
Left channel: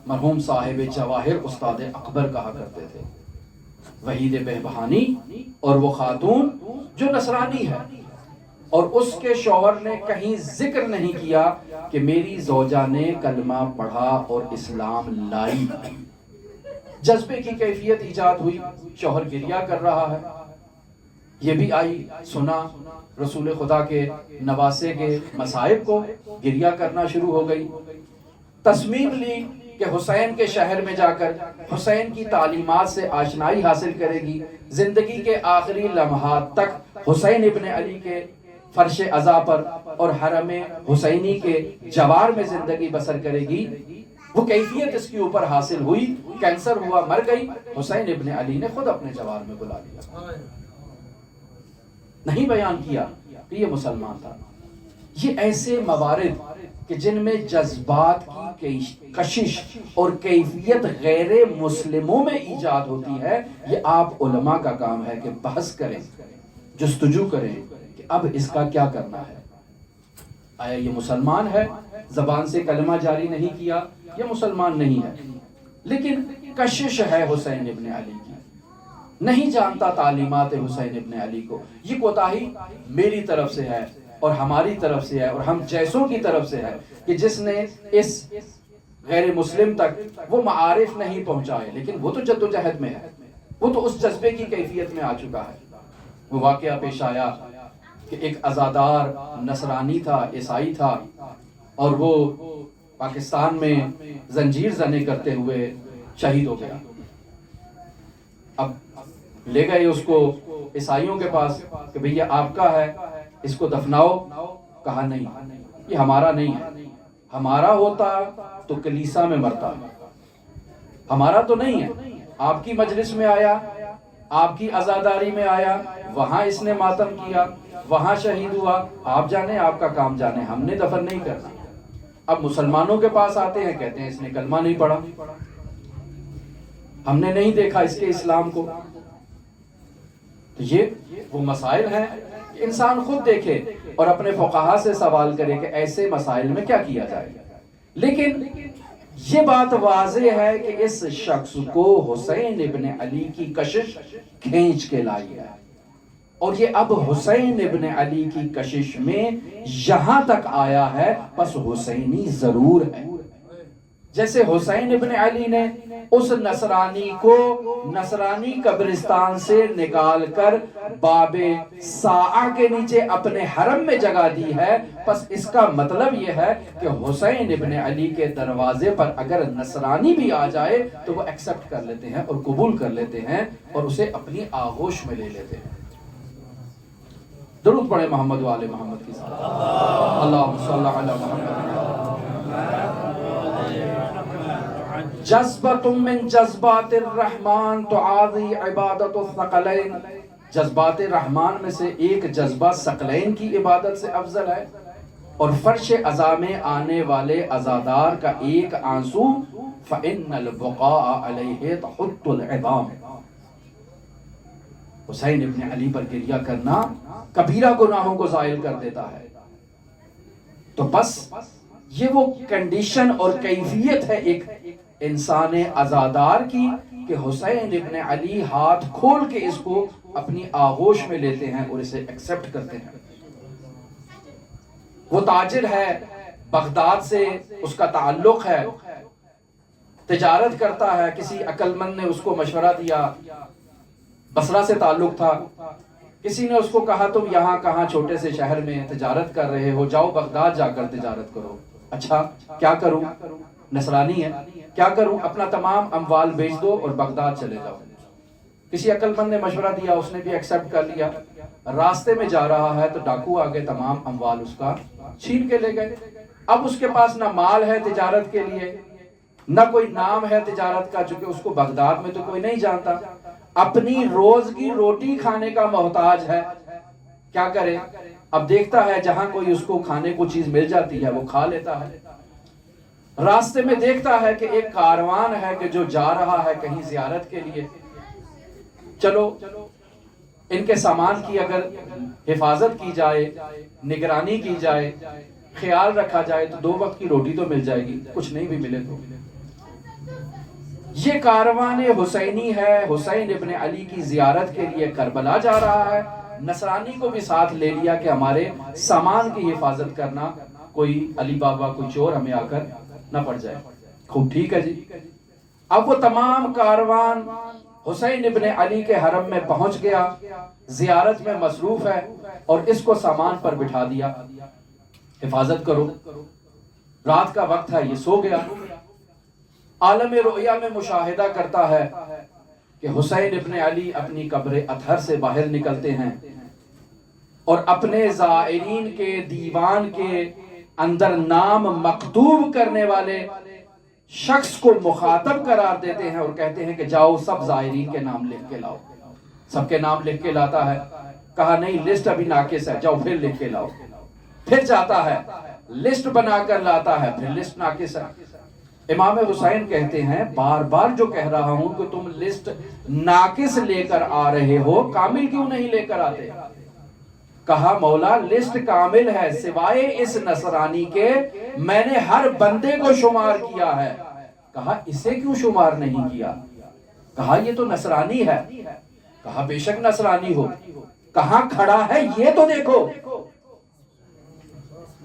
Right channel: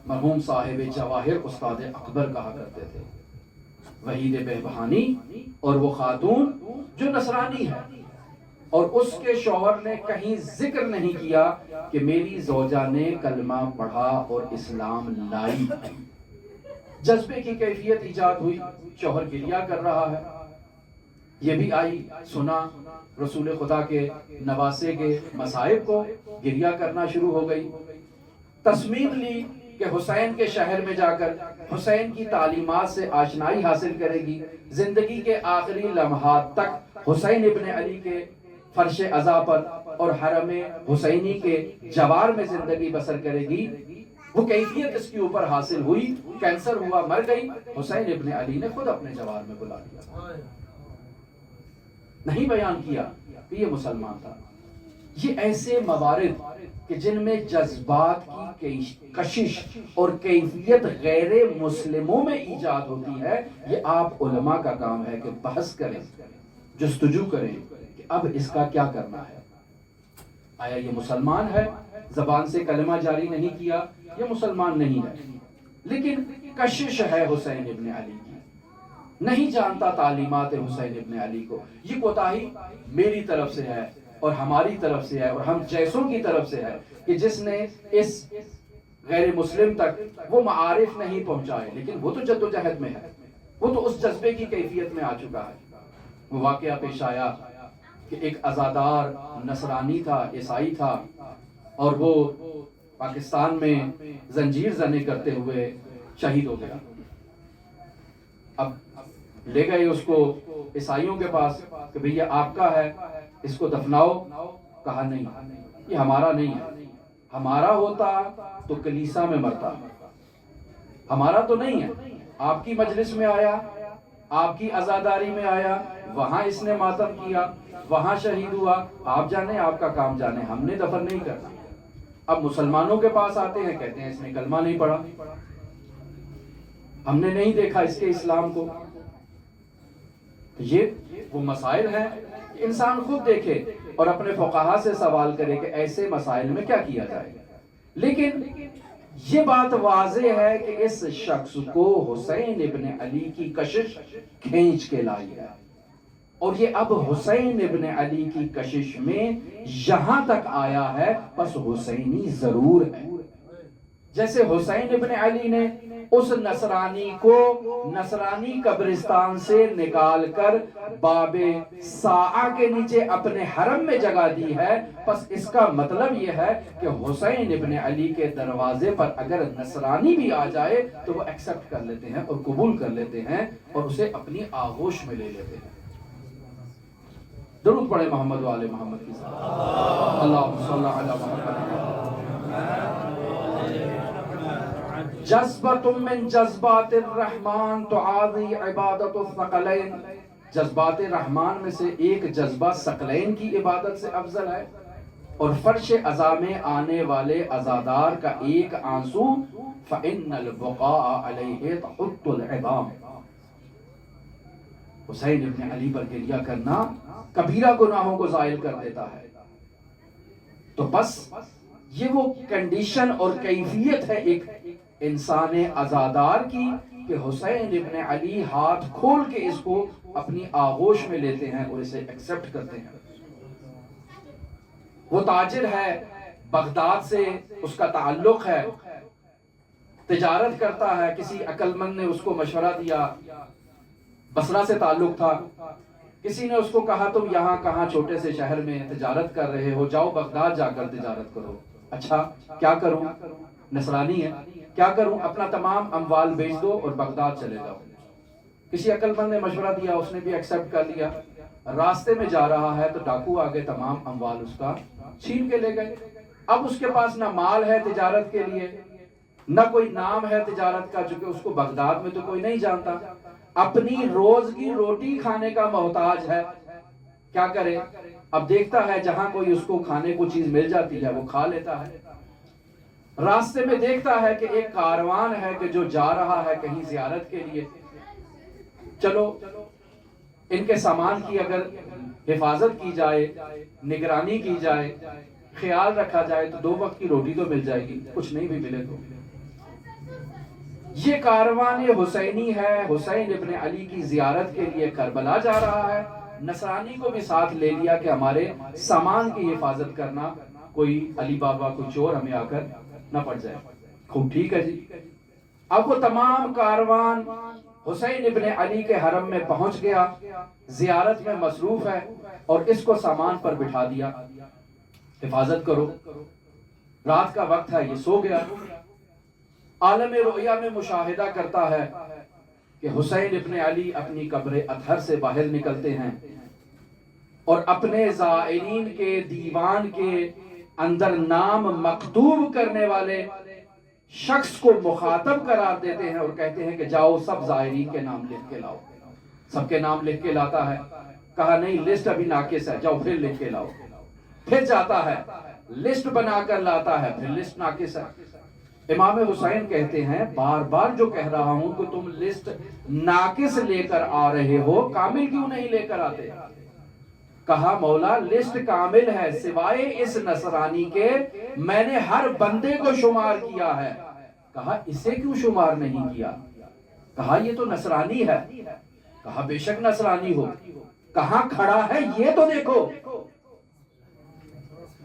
مرحوم صاحب جواہر استاد اکبر کہا کرتے تھے. وحید بہبہانی اور وہ خاتون جو نصرانی ہے، اور اس کے شوہر نے کہیں ذکر نہیں کیا کہ میری زوجہ نے کلمہ پڑھا اور اسلام لائی. جذبے کی کیفیت ایجاد ہوئی، شوہر گریہ کر رہا ہے، یہ بھی آئی سنا رسول خدا کے نواسے کے مصائب کو، گریہ کرنا شروع ہو گئی. تصمیم لی کہ حسین کے شہر میں جا کر حسین کی تعلیمات سے آشنائی حاصل کرے گی، زندگی کے آخری لمحات تک حسین ابن علی کے فرش عزا پر اور حرم حسینی کے جوار میں زندگی بسر کرے گی. وہ کیفیت اس کے اوپر حاصل ہوئی، کینسر ہوا، مر گئی. حسین ابن علی نے خود اپنے جوار میں بلا لیا، نہیں بیان کیا کہ یہ مسلمان تھا. یہ ایسے موارد کہ جن میں جذبات کی کشش اور کیفیت غیر مسلموں میں ایجاد ہوتی ہے، یہ آپ علماء کا کام ہے کہ بحث کریں، جستجو کریں کہ اب اس کا کیا کرنا ہے. آیا یہ مسلمان ہے، زبان سے کلمہ جاری نہیں کیا، یہ مسلمان نہیں ہے، لیکن کشش ہے حسین ابن علی کی، نہیں جانتا تعلیمات حسین ابن علی کو. یہ کوتاہی میری طرف سے ہے اور ہماری طرف سے ہے اور ہم جیسوں کی طرف سے ہے کہ جس نے اس غیر مسلم تک وہ معارف نہیں پہنچائے، لیکن وہ تو جدوجہد میں ہے، وہ تو اس جذبے کی کیفیت میں آ چکا ہے. وہ واقعہ پیش آیا کہ ایک عزادار نصرانی تھا، عیسائی تھا، اور وہ پاکستان میں زنجیر زنی کرتے ہوئے شہید ہو گیا. اب لے گئے اس کو عیسائیوں کے پاس کہ بھئی یہ آپ کا ہے، اس کو دفناؤ. کہا نہیں، یہ ہمارا نہیں ہے، ہمارا ہوتا تو کلیسا میں مرتا، ہمارا تو نہیں ہے. آپ کی مجلس میں آیا، آپ کی عزاداری میں آیا، وہاں اس نے ماتم کیا، وہاں شہید ہوا. آپ جانے، آپ کا کام جانے، ہم نے دفن نہیں کرنا. اب مسلمانوں کے پاس آتے ہیں، کہتے ہیں اس نے کلمہ نہیں پڑھا، ہم نے نہیں دیکھا اس کے اسلام کو. تو یہ وہ مسائل ہیں کہ انسان خود دیکھے اور اپنے فقہا سے سوال کرے کہ ایسے مسائل میں کیا کیا جائے. لیکن یہ بات واضح ہے کہ اس شخص کو حسین ابن علی کی کشش کھینچ کے لائی ہے، اور یہ اب حسین ابن علی کی کشش میں یہاں تک آیا ہے، پس حسینی ضرور ہے. جیسے حسین ابن علی نے اس نصرانی کو نصرانی قبرستان سے نکال کر باب ساعہ کے نیچے اپنے حرم میں جگہ دی ہے، پس اس کا مطلب یہ ہے کہ حسین ابن علی کے دروازے پر اگر نصرانی بھی آ جائے تو وہ ایکسپٹ کر لیتے ہیں اور قبول کر لیتے ہیں اور اسے اپنی آغوش میں لے لیتے ہیں. درود پڑھے محمد و آل محمد کی صلاۃ. اللہم صل علی محمد. جذبۃ من جذبات الرحمن تعاضی عبادۃ الثقلین. جذبات رحمان میں سے ایک جذبہ ثقلین کی عبادت سے افضل ہے، اور فرش عزا میں آنے والے عزادار کا ایک آنسو فَإِنَّ الْبُقَاءَ عَلَيْهِ تَحُطُّ الْعِظَامِ، حسین ابن علی پر گریہ کرنا کبیرہ گناہوں کو زائل کر دیتا ہے۔ تو بس یہ وہ کنڈیشن اور کیفیت ہے ایک انسان عزادار کی کہ حسین ابن علی ہاتھ کھول کے اس کو اپنی آغوش میں لیتے ہیں اور اسے ایکسپٹ کرتے ہیں۔ وہ تاجر ہے، بغداد سے اس کا تعلق ہے، تجارت کرتا ہے، کسی عقل مند نے اس کو مشورہ دیا، بصرہ سے تعلق تھا، کسی نے اس کو کہا تم یہاں کہاں چھوٹے سے شہر میں تجارت کر رہے ہو، جاؤ بغداد جا کر تجارت کرو۔ اچھا کیا کروں، نصرانی ہے، کیا کروں، اپنا تمام اموال بیچ دو اور بغداد چلے جاؤ۔ کسی عقل مند نے مشورہ دیا، اس نے بھی ایکسپٹ کر لیا۔ راستے میں جا رہا ہے تو ڈاکو آگے تمام اموال اس کا چھین کے لے گئے۔ اب اس کے پاس نہ مال ہے تجارت کے لیے، نہ کوئی نام ہے تجارت کا، چونکہ اس کو بغداد میں تو کوئی نہیں جانتا، اپنی روز کی روٹی کھانے کا محتاج ہے۔ کیا کرے؟ اب دیکھتا ہے جہاں کوئی اس کو کھانے کو چیز مل جاتی ہے وہ کھا لیتا ہے۔ راستے میں دیکھتا ہے کہ ایک کاروان ہے کہ جو جا رہا ہے کہیں زیارت کے لیے، چلو ان کے سامان کی اگر حفاظت کی جائے، نگرانی کی جائے، خیال رکھا جائے تو 2 وقت کی روٹی تو مل جائے گی، کچھ نہیں بھی ملے تو۔ یہ کاروان حسینی ہے، حسین ابن علی کی زیارت کے لیے کربلا جا رہا ہے، نصرانی کو بھی ساتھ لے لیا کہ ہمارے سامان کی حفاظت کرنا، کوئی علی بابا کوئی چور ہمیں آ کر نہ پڑ جائے۔ خوب ٹھیک ہے جی۔ اب وہ تمام کاروان حسین ابن علی کے حرم میں پہنچ گیا، زیارت میں مصروف ہے، اور اس کو سامان پر بٹھا دیا، حفاظت کرو۔ رات کا وقت ہے، یہ سو گیا۔ عالم رؤیا میں مشاہدہ کرتا ہے کہ حسین ابن علی اپنی قبر اطہر سے باہر نکلتے ہیں اور اپنے زائرین کے دیوان کے اندر نام مکتوب کرنے والے شخص کو مخاطب قرار دیتے ہیں اور کہتے ہیں کہ جاؤ سب زائرین کے نام لکھ کے لاؤ۔ سب کے نام لکھ کے لاتا ہے، کہا نہیں لسٹ ابھی ناقص ہے، جاؤ پھر لکھ کے لاؤ۔ پھر جاتا ہے، لسٹ بنا کر لاتا ہے، پھر لسٹ ناقص ہے۔ امام حسین کہتے ہیں بار بار جو کہہ رہا ہوں کہ تم لسٹ ناقص لے کر آ رہے ہو، کامل کیوں نہیں لے کر آتے؟ کہا مولا لسٹ کامل ہے، سوائے اس نصرانی کے میں نے ہر بندے کو شمار کیا ہے۔ کہا اسے کیوں شمار نہیں کیا؟ کہا یہ تو نصرانی ہے۔ کہا بے شک نصرانی ہو، کہاں کھڑا ہے یہ تو دیکھو۔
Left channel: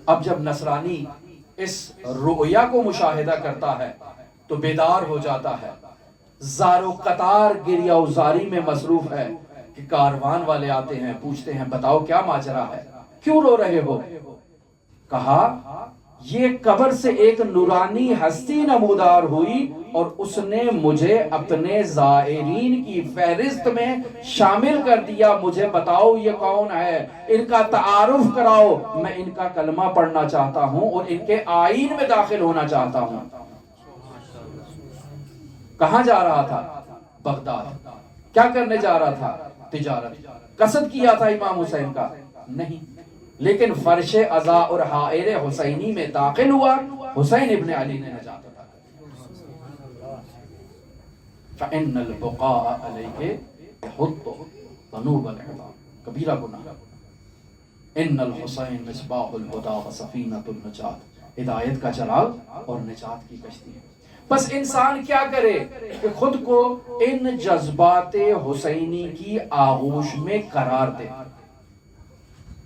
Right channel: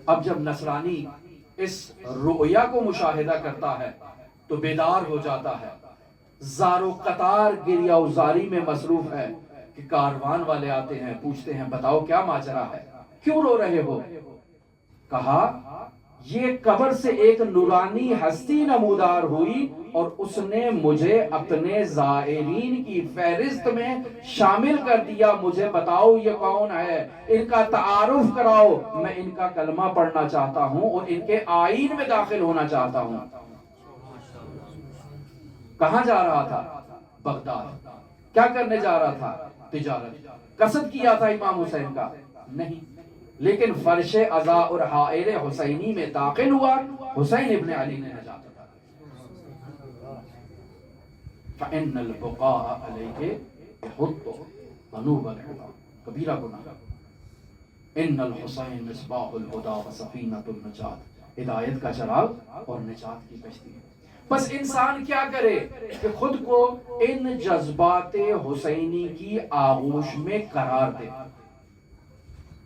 اب جب نصرانی اس رؤیا کو مشاہدہ کرتا ہے تو بیدار ہو جاتا ہے، زار و قطار گریہ و زاری میں مصروف ہے کہ کاروان والے آتے ہیں، پوچھتے ہیں بتاؤ کیا ماجرا ہے، کیوں رو رہے ہو؟ کہا یہ قبر سے ایک نورانی ہستی نمودار ہوئی اور اس نے مجھے اپنے زائرین کی فہرست میں شامل کر دیا، مجھے بتاؤ یہ کون ہے، ان کا تعارف کراؤ، میں ان کا کلمہ پڑھنا چاہتا ہوں اور ان کے آئین میں داخل ہونا چاہتا ہوں۔ کہاں جا رہا تھا؟ بغداد۔ کیا کرنے جا رہا تھا؟ تجارت۔ قصد کیا تھا امام حسین کا؟ نہیں، لیکن فرش عزا اور حائر حسینی میں داخل ہوا، حسین ابن علی نے نجات عطا کی۔ فَإِنَّ الْبُقَاءَ عَلَيْهِ يَحُطُّ ذُنُوبَ الْعِبَادِ کبیرہ گناہ۔ ان الحسین مصباح الہدی وسفینۃ النجات، ہدایت کا چراغ اور نجات کی کشتی ہے۔ بس انسان کیا کرے کہ خود کو ان جذبات حسینی کی آغوش میں قرار دے۔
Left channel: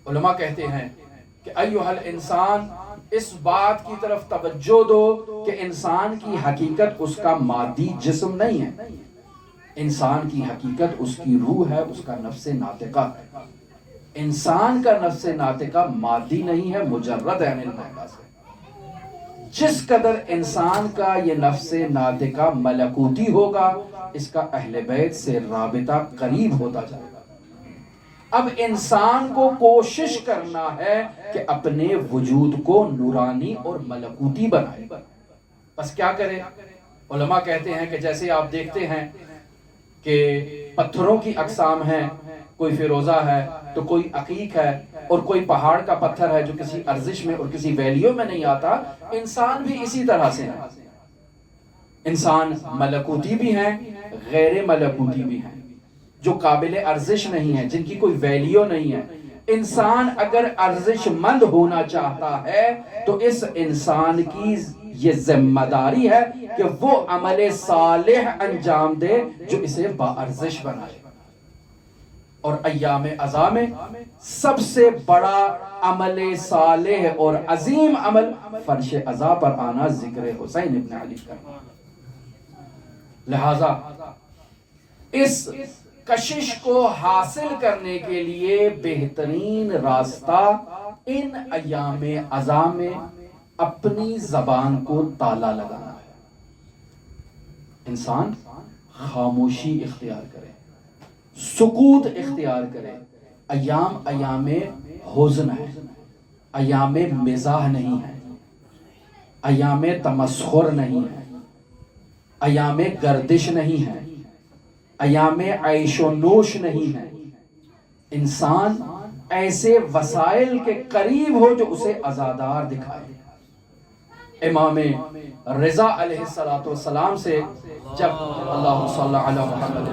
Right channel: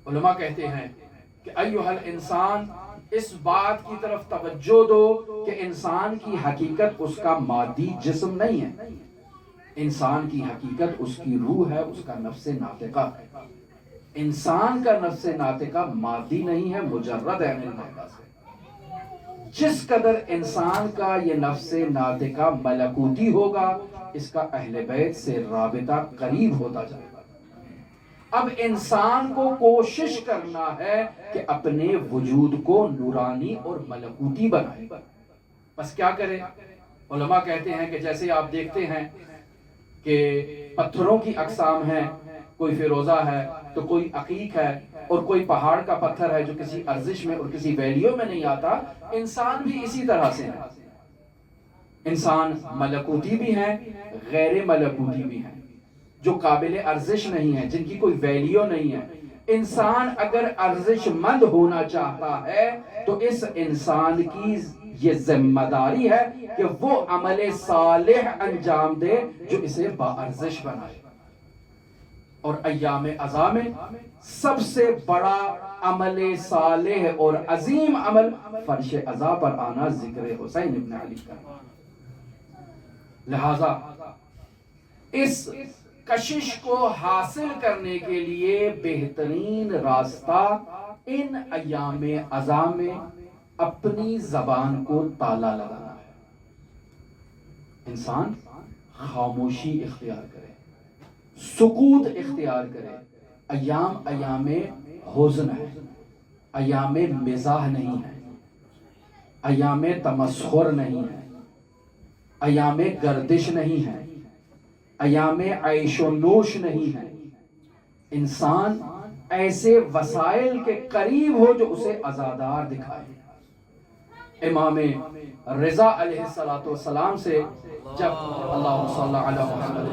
علماء کہتے ہیں کہ ایھا الانسان، اس بات کی طرف توجہ دو کہ انسان کی حقیقت اس کا مادی جسم نہیں ہے، انسان کی حقیقت اس کی روح ہے، اس کا نفس ناطقہ ہے۔ انسان کا نفس ناطقہ مادی نہیں ہے، مجرد عین المعدہ سے۔ جس قدر انسان کا یہ نفس ناطقہ ملکوتی ہوگا، اس کا اہل بیت سے رابطہ قریب ہوتا جائے گا۔ اب انسان کو کوشش کرنا ہے کہ اپنے وجود کو نورانی اور ملکوتی بنائے۔ بس کیا کرے؟ علماء کہتے ہیں کہ جیسے آپ دیکھتے ہیں کہ پتھروں کی اقسام ہیں، کوئی فیروزہ ہے تو کوئی عقیق ہے اور کوئی پہاڑ کا پتھر ہے جو کسی ارزش میں اور کسی ویلیو میں نہیں آتا. انسان بھی اسی طرح سے ہے. انسان ملکوتی بھی ہیں، غیر ملکوتی بھی ہیں، جو قابل ارزش نہیں ہے، جن کی کوئی ویلیو نہیں ہے. انسان اگر ارزش مند ہونا چاہتا ہے تو اس انسان کی یہ ذمہ داری ہے کہ وہ عمل صالح انجام دے جو اسے باارزش بنائے. اور ایام عزا میں سب سے بڑا عمل صالح اور عظیم عمل فرش عزا پر آنا ذکر حسین ابن علی کا. لہذا اس کشش کو حاصل کرنے کے لیے بہترین راستہ ان ایام عزا میں اپنی زبان کو تالا لگانا ہے. انسان خاموشی اختیار کرے، سکوت اختیار کرے. ایام حزن ہے، ایام مزاح نہیں ہے، ایام تمسخر نہیں ہے، ایام گردش نہیں ہے، ایام عیش و نوش نہیں ہے. انسان ایسے وسائل کے قریب ہو جو اسے عزادار دکھائے. امام رضا علیہ السلام سے جب اللہ صلی علی محمد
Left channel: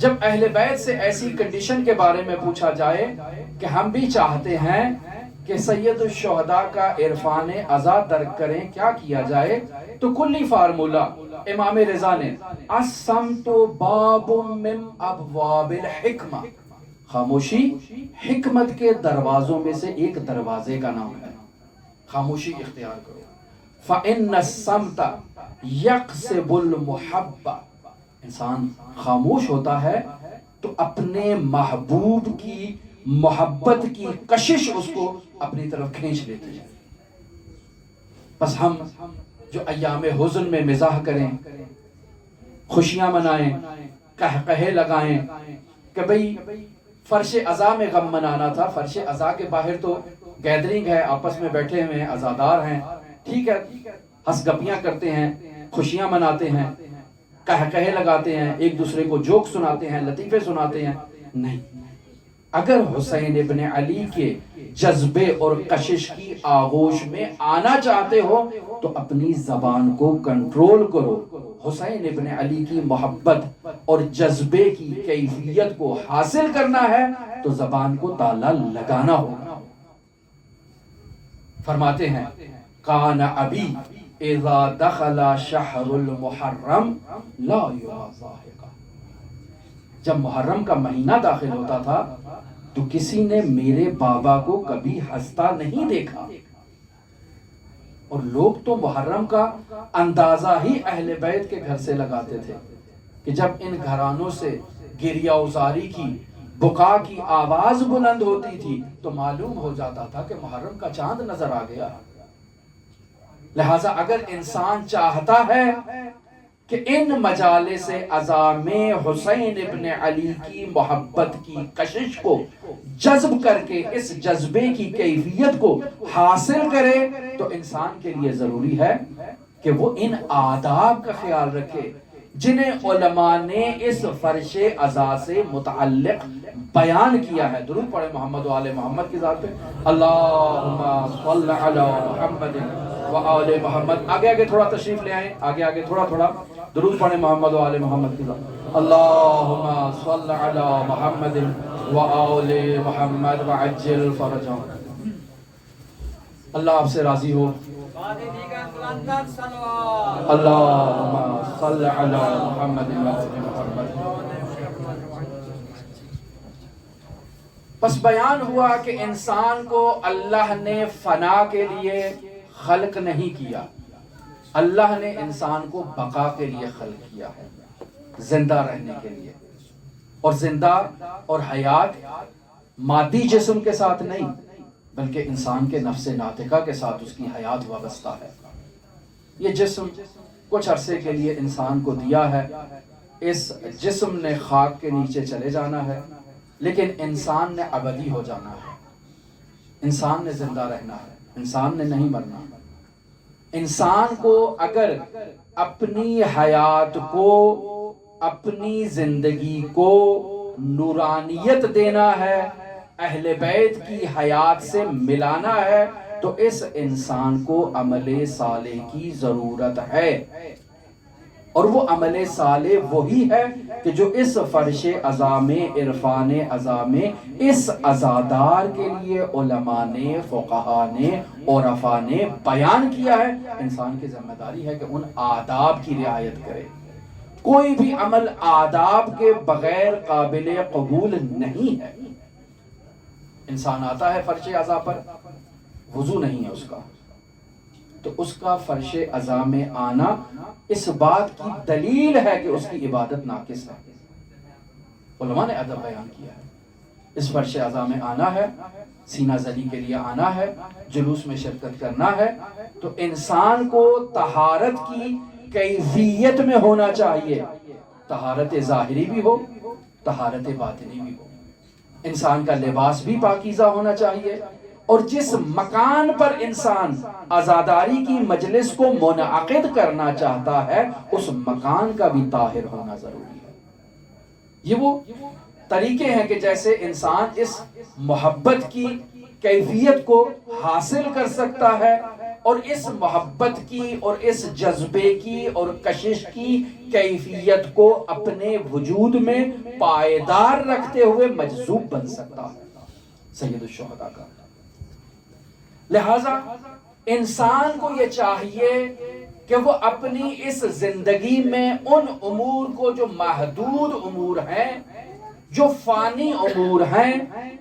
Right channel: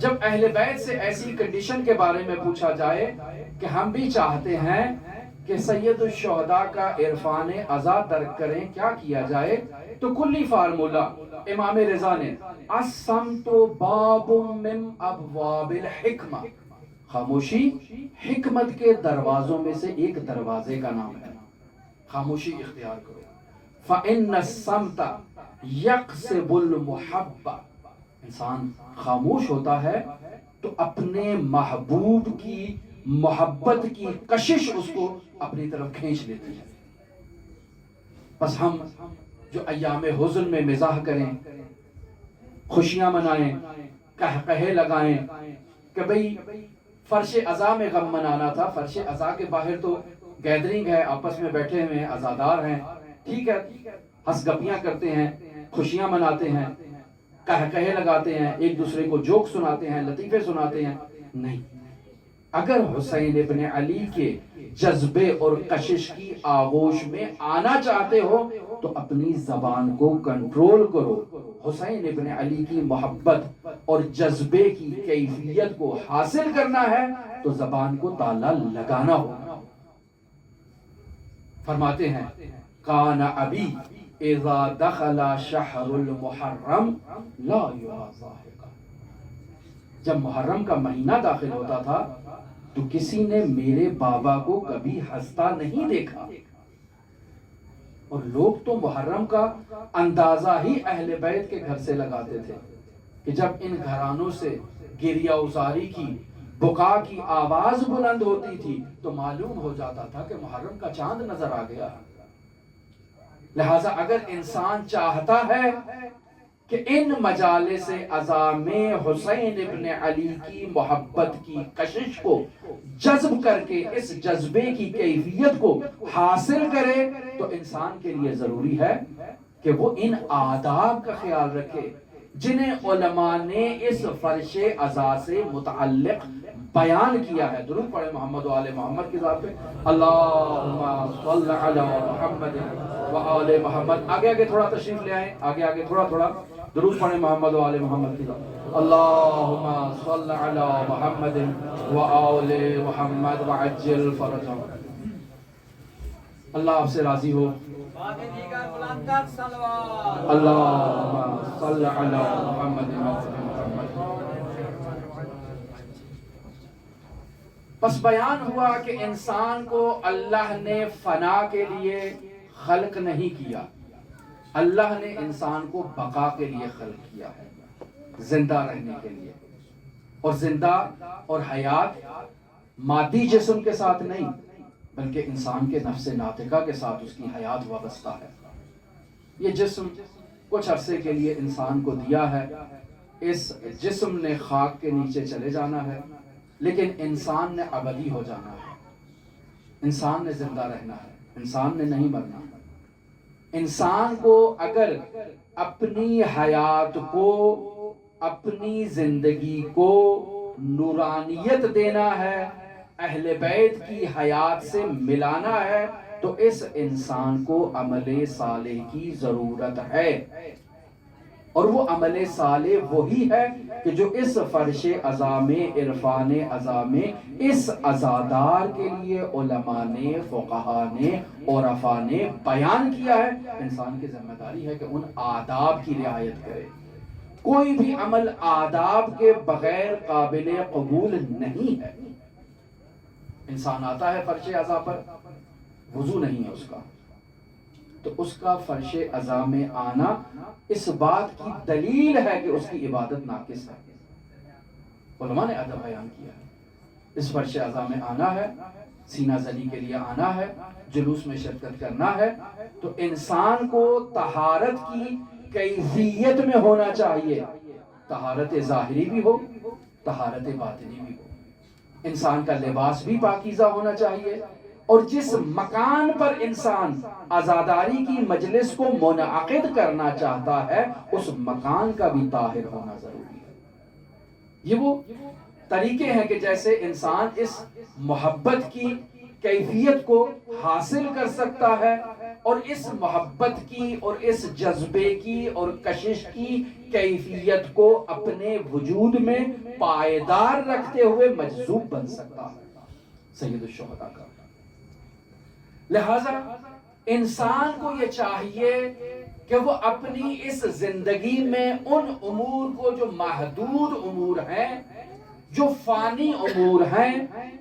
جب اہل بیت سے ایسی کنڈیشن کے بارے میں پوچھا جائے کہ ہم بھی چاہتے ہیں کہ سید الشہداء کا عرفان عزا درک کریں، کیا کیا جائے؟ تو کلی فارمولہ امام رضا نے الصمت باب من ابواب الحکمہ، خاموشی حکمت کے دروازوں میں سے ایک دروازے کا نام ہے. خاموشی اختیار کرو. فإن الصمت یقصب المحبہ، انسان خاموش ہوتا ہے تو اپنے محبوب کی محبت کی کشش اس کو اپنی طرف کھینچ لیتی ہے. بس ہم جو ایام حزن میں مزاح کریں، خوشیاں منائیں، قہقہے لگائیں کہ بھئی فرش عزا میں غم منانا تھا، فرش عزا کے باہر تو گیدرنگ ہے، آپس میں بیٹھے ہوئے ہیں، عزادار ہیں، ٹھیک ہے، ہنس گپیاں کرتے ہیں، خوشیاں مناتے ہیں، قہقہے لگاتے ہیں، ایک دوسرے کو جوک سناتے ہیں، لطیفے سناتے ہیں. نہیں، اگر حسین ابن علی کے جذبے اور کشش کی آغوش میں آنا چاہتے ہو تو اپنی زبان کو کنٹرول کرو. حسین ابن علی کی محبت اور جذبے کی کیفیت کو حاصل کرنا ہے تو زبان کو تالا لگانا ہوگا. فرماتے ہیں کان ابی اذا دخل شہر المحرم لا یضاحک، جب محرم کا مہینہ داخل ہوتا تھا تو کسی نے میرے بابا کو کبھی ہنستا نہیں دیکھا. اور لوگ تو محرم کا اندازہ ہی اہل بیت کے گھر سے لگاتے تھے کہ جب ان گھرانوں سے گریہ ازاری کی، بکا کی آواز بلند ہوتی تھی تو معلوم ہو جاتا تھا کہ محرم کا چاند نظر آ گیا. لہٰذا اگر انسان چاہتا ہے کہ ان مجالس عزا میں حسین ابن علی کی محبت کی کشش کو جذب کر کے اس جذبے کی کیفیت کو حاصل کرے تو انسان کے لیے ضروری ہے کہ وہ ان آداب کا خیال رکھے جنہیں علماء نے اس فرش عزا سے متعلق بیان کیا ہے. درود پڑھیں محمد و آل محمد کی ذات پہ. اللہم صل علی محمد و آل محمد. آگے تھوڑا تشریف لے آئیں، آگے تھوڑا درود پڑھیں محمد و آل محمد کی ذات. اللہم صل علی محمد و آل محمد وعجل فرجہم. اللہ آپ سے راضی ہو. اللہم صل علی محمد و آل محمد. پس بیان ہوا کہ انسان کو اللہ نے فنا کے لیے خلق نہیں کیا، اللہ نے انسان کو بقا کے لیے خلق کیا ہے، زندہ رہنے کے لیے. اور زندہ اور حیات مادی جسم کے ساتھ نہیں بلکہ انسان کے نفس ناطقہ کے ساتھ اس کی حیات وابستہ ہے. یہ جسم کچھ عرصے کے لیے انسان کو دیا ہے، اس جسم نے خاک کے نیچے چلے جانا ہے، لیکن انسان نے ابدی ہو جانا ہے. انسان نے زندہ رہنا ہے، انسان نے نہیں مرنا. انسان کو اگر اپنی حیات کو اپنی زندگی کو نورانیت دینا ہے، اہل بیت کی حیات سے ملانا ہے، تو اس انسان کو عمل صالح کی ضرورت ہے۔ اور وہ عمل صالح وہی ہے کہ جو اس فرش عزا میں، عرفان عزا میں، اس عزادار کے لیے علماء نے، فقہا نے، عرفاء نے بیان کیا ہے۔ انسان کی ذمہ داری ہے کہ ان آداب کی رعایت کرے۔ کوئی بھی عمل آداب کے بغیر قابل قبول نہیں ہے۔ انسان آتا ہے فرش عزا پر، وضو نہیں ہے اس کا، تو اس کا فرش عزا میں آنا اس بات کی دلیل ہے کہ اس کی عبادت ناقص ہے۔ علماء نے ادب بیان کیا ہے، اس فرش عزا میں آنا ہے، سینہ زنی کے لیے آنا ہے، جلوس میں شرکت کرنا ہے، تو انسان کو طہارت کی کیفیت میں ہونا چاہیے، طہارت ظاہری بھی ہو، طہارت باطنی بھی ہو۔ انسان کا لباس بھی پاکیزہ ہونا چاہیے، اور جس مکان پر انسان عزاداری کی مجلس کو منعقد کرنا چاہتا ہے اس مکان کا بھی طاہر ہونا ضروری ہے۔ یہ وہ طریقے ہیں کہ جیسے انسان اس محبت کی کیفیت کو حاصل کر سکتا ہے، اور اس محبت کی اور اس جذبے کی اور کشش کی کیفیت کو اپنے وجود میں پائیدار رکھتے ہوئے مجذوب بن سکتا ہے۔ سید الشہداء کا لہذا انسان کو یہ چاہیے کہ وہ اپنی اس زندگی میں ان امور کو جو محدود امور ہیں، جو فانی امور ہیں،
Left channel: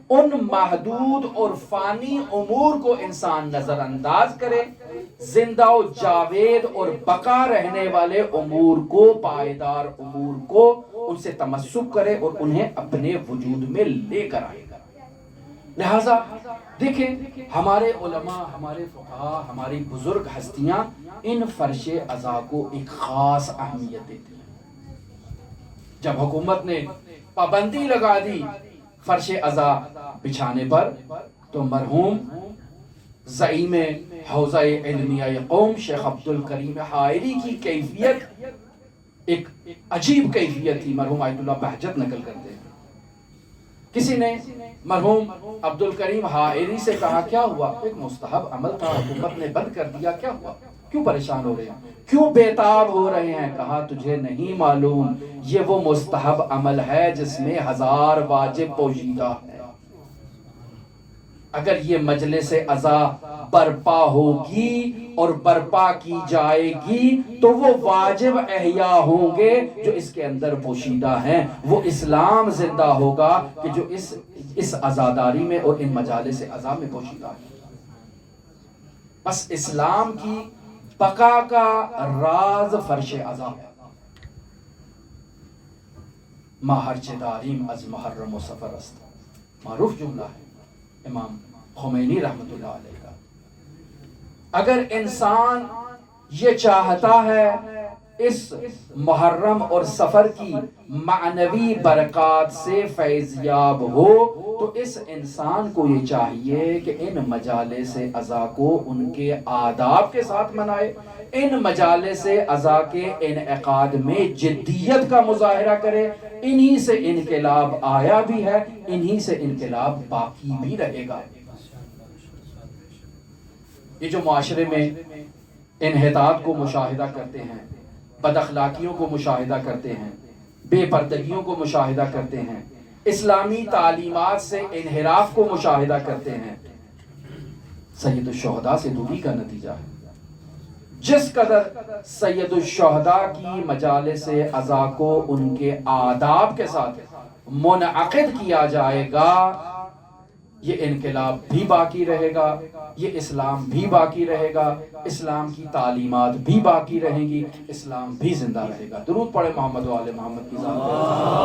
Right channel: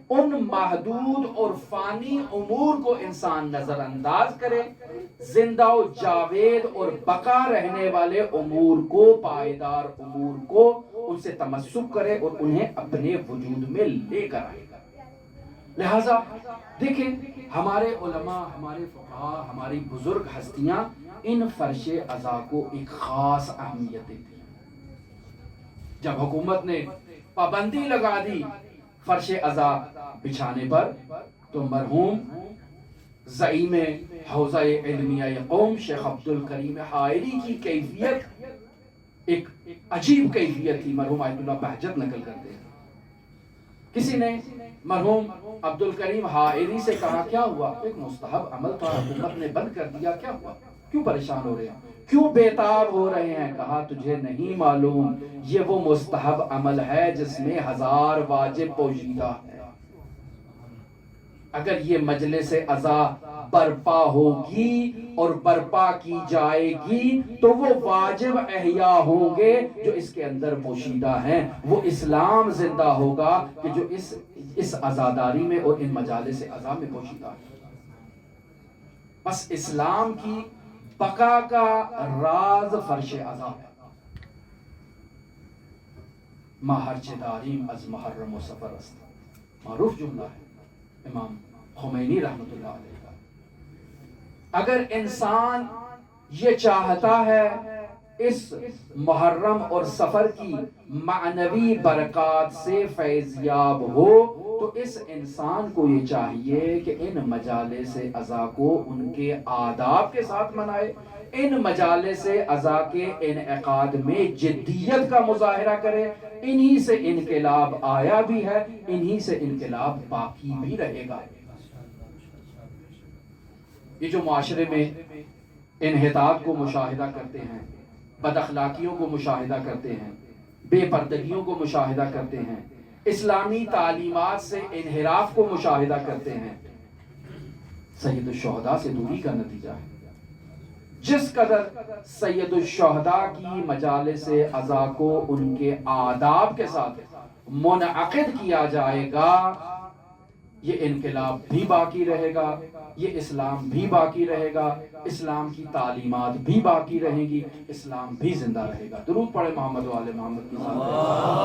ان محدود اور فانی امور کو انسان نظر انداز کرے، زندہ و جاوید اور بقا رہنے والے امور کو، پائیدار امور کو، ان سے تمسک کرے اور انہیں اپنے وجود میں لے کر آئے گا۔ لہذا دیکھیں ہمارے علماء، ہمارے فقہا، ہماری بزرگ ہستیاں ان فرش عزا کو ایک خاص اہمیت دیتی ہیں۔ جب حکومت نے پابندی لگا دی فرش عزا بچھانے پر، تو مرحوم زعیم حوزہ علمیہ قوم شیخ عبدالکریم حائری کی کیفیت ایک عجیب کیفیت تھی، مرحوم آیت اللہ بہجت نقل کرتے ہیں۔ کسی نے مرحوم عبدالکریم حائری سے کہا کیا ہوا؟ ایک مستحب عمل تھا، حکومت نے بند کر دیا، کیا ہوا؟ کیوں پریشان ہو رہے ہیں؟ کیوں بیتاب ہو رہے ہیں؟ کہا تجھے نہیں معلوم، یہ وہ مستحب عمل ہے جس میں 1000 واجب پوشیدہ ہے۔ اگر یہ مجلس عزا برپا ہوگی اور برپا کی جائے گی تو وہ واجب احیا ہوں گے جو اس کے اندر پوشیدہ ہیں، وہ اسلام زندہ ہوگا کہ جو اس عزاداری میں اور ان مجالس عزا میں پوشیدہ ہے۔ بس اسلام کی بقا کا راز فرش عزا ہے۔ ماہر چداریم از محرم و سفر است، معروف جملہ ہے امام خمینی رحمت اللہ علیہ کا۔ اگر انسان یہ چاہتا ہے اس محرم اور سفر کی معنوی برکات سے فیضیاب ہو، تو اس انسان کو یہ چاہیے کہ ان مجالس عزا کو ان کے آداب کے ساتھ منائے، ان مجالس عزا کے انعقاد میں جدیت کا مظاہرہ کرے۔ انہی سے انقلاب آیا بھی ہے، انہی سے انقلاب باقی بھی رہے گا۔ یہ جو معاشرے میں انحطاط کو مشاہدہ کرتے ہیں، بد اخلاقیوں کو مشاہدہ کرتے ہیں، بے پردگیوں کو مشاہدہ کرتے ہیں، اسلامی تعلیمات سے انحراف کو مشاہدہ کرتے ہیں، سید الشہداء سے دوری کا نتیجہ ہے۔ جس قدر سید الشہداء کی مجالس عزا کو ان کے آداب کے ساتھ منعقد کیا جائے گا، یہ انقلاب بھی باقی رہے گا، یہ اسلام بھی باقی رہے گا، اسلام کی تعلیمات بھی باقی رہیں گی، اسلام بھی زندہ رہے گا۔ درود پڑھے محمد و آل محمد کی ذات پہ،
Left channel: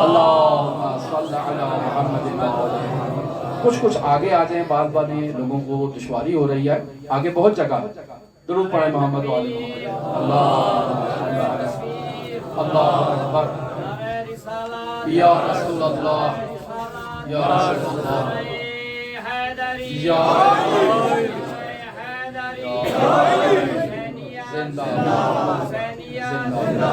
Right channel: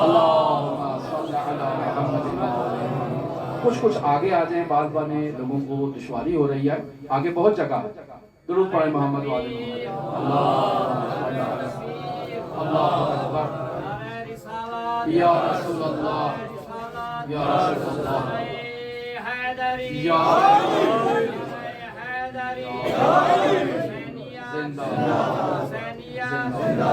اللہم صل علی محمد و آل محمد۔ کچھ آگے آ جائیں، بعض باتیں لوگوں کو دشواری ہو رہی ہے، آگے بہت جگہ ہے۔ درود پڑھے محمد و آل محمد۔ اللہ اکبر، یا رسول اللہ، یا رسول اللہ، یا زندہ زندہ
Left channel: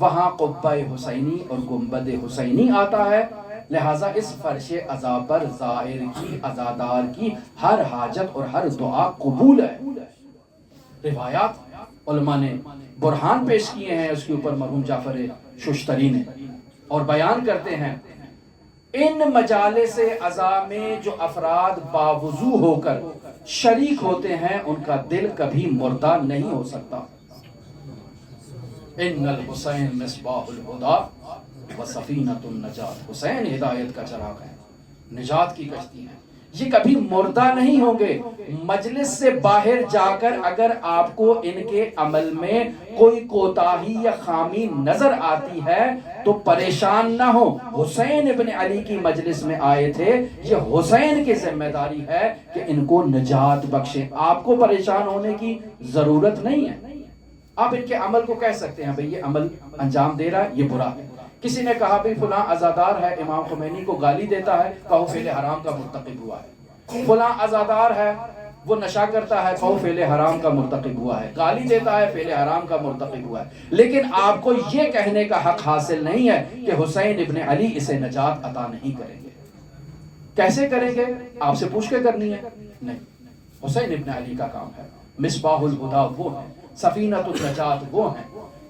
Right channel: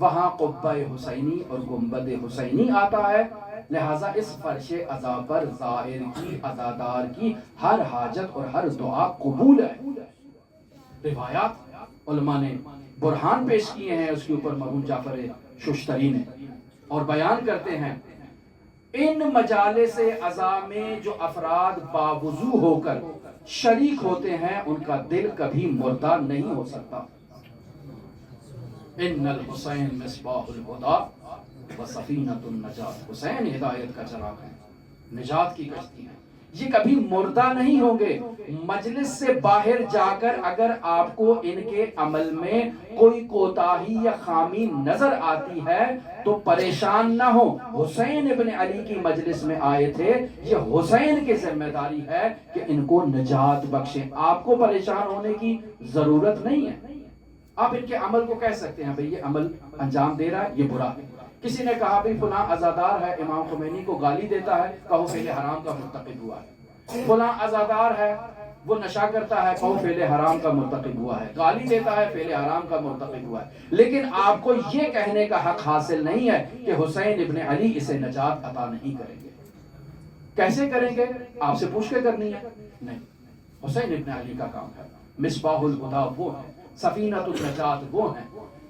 وہاں قبہ حسینی اور گنبد حسینی آتا ہے، لہٰذا اس فرش عزا پر ظاہر کی عزادار کی ہر حاجت اور ہر دعا قبول ہے۔ روایات علماء نے برہان پیش کیے ہیں اس کے اوپر، مرحوم جعفر ششتری نے، اور بیان کرتے ہیں ان مجالس عزا میں جو افراد باوضو ہو کر شریک ہوتے ہیں ان کا دل کبھی مردہ نہیں ہو سکتا۔ ان الحسین مصباح الہدی و سفینۃ النجات، حسین ہدایت کا چراغ ہے، نجات کی کشتی ہے، یہ کبھی مردہ نہیں ہوں گے۔ مجلس سے باہر جا کر اگر آپ کو ان کے عمل میں کوئی کوتاہی یا خامی نظر آتی ہے تو پریشان نہ ہو، حسین ابن علی کی مجلس میں آئے تھے، یہ حسین کی ذمہ داری ہے کہ ان کو نجات بخشیں، آپ کو پریشان ہونے کی ضرورت نہیں ہے۔ آپ ان کے عمل کو کہہ سکتے ہیں بھئی یہ عمل انجام دے رہا ہے، یہ برا ہے۔ کسی نے کہا بھئی فلاں عزادار ہے، امام خمینی کو گالی دیتا ہے، کہو فعل حرام کا مرتکب ہوا ہے۔ فلاں عزادار ہے، وہ نشہ کرتا ہے، کہو فعل حرام کا مرتکب ہوا ہے۔ گالی دیتا ہے، فعل حرام کا مرتکب ہوا ہے۔ لیکن آپ کو یہ کہنے کا حق حاصل نہیں ہے کہ حسین ابن علی اسے نجات عطا نہیں کریں گے۔ کیسے کریں گے؟ آپ سے پوچھ کے کرنی ہے؟ نہیں، حسین ابن علی کا کام ہے۔ مصباح الہدی وہ ہے، سفینۃ النجات وہ ہیں۔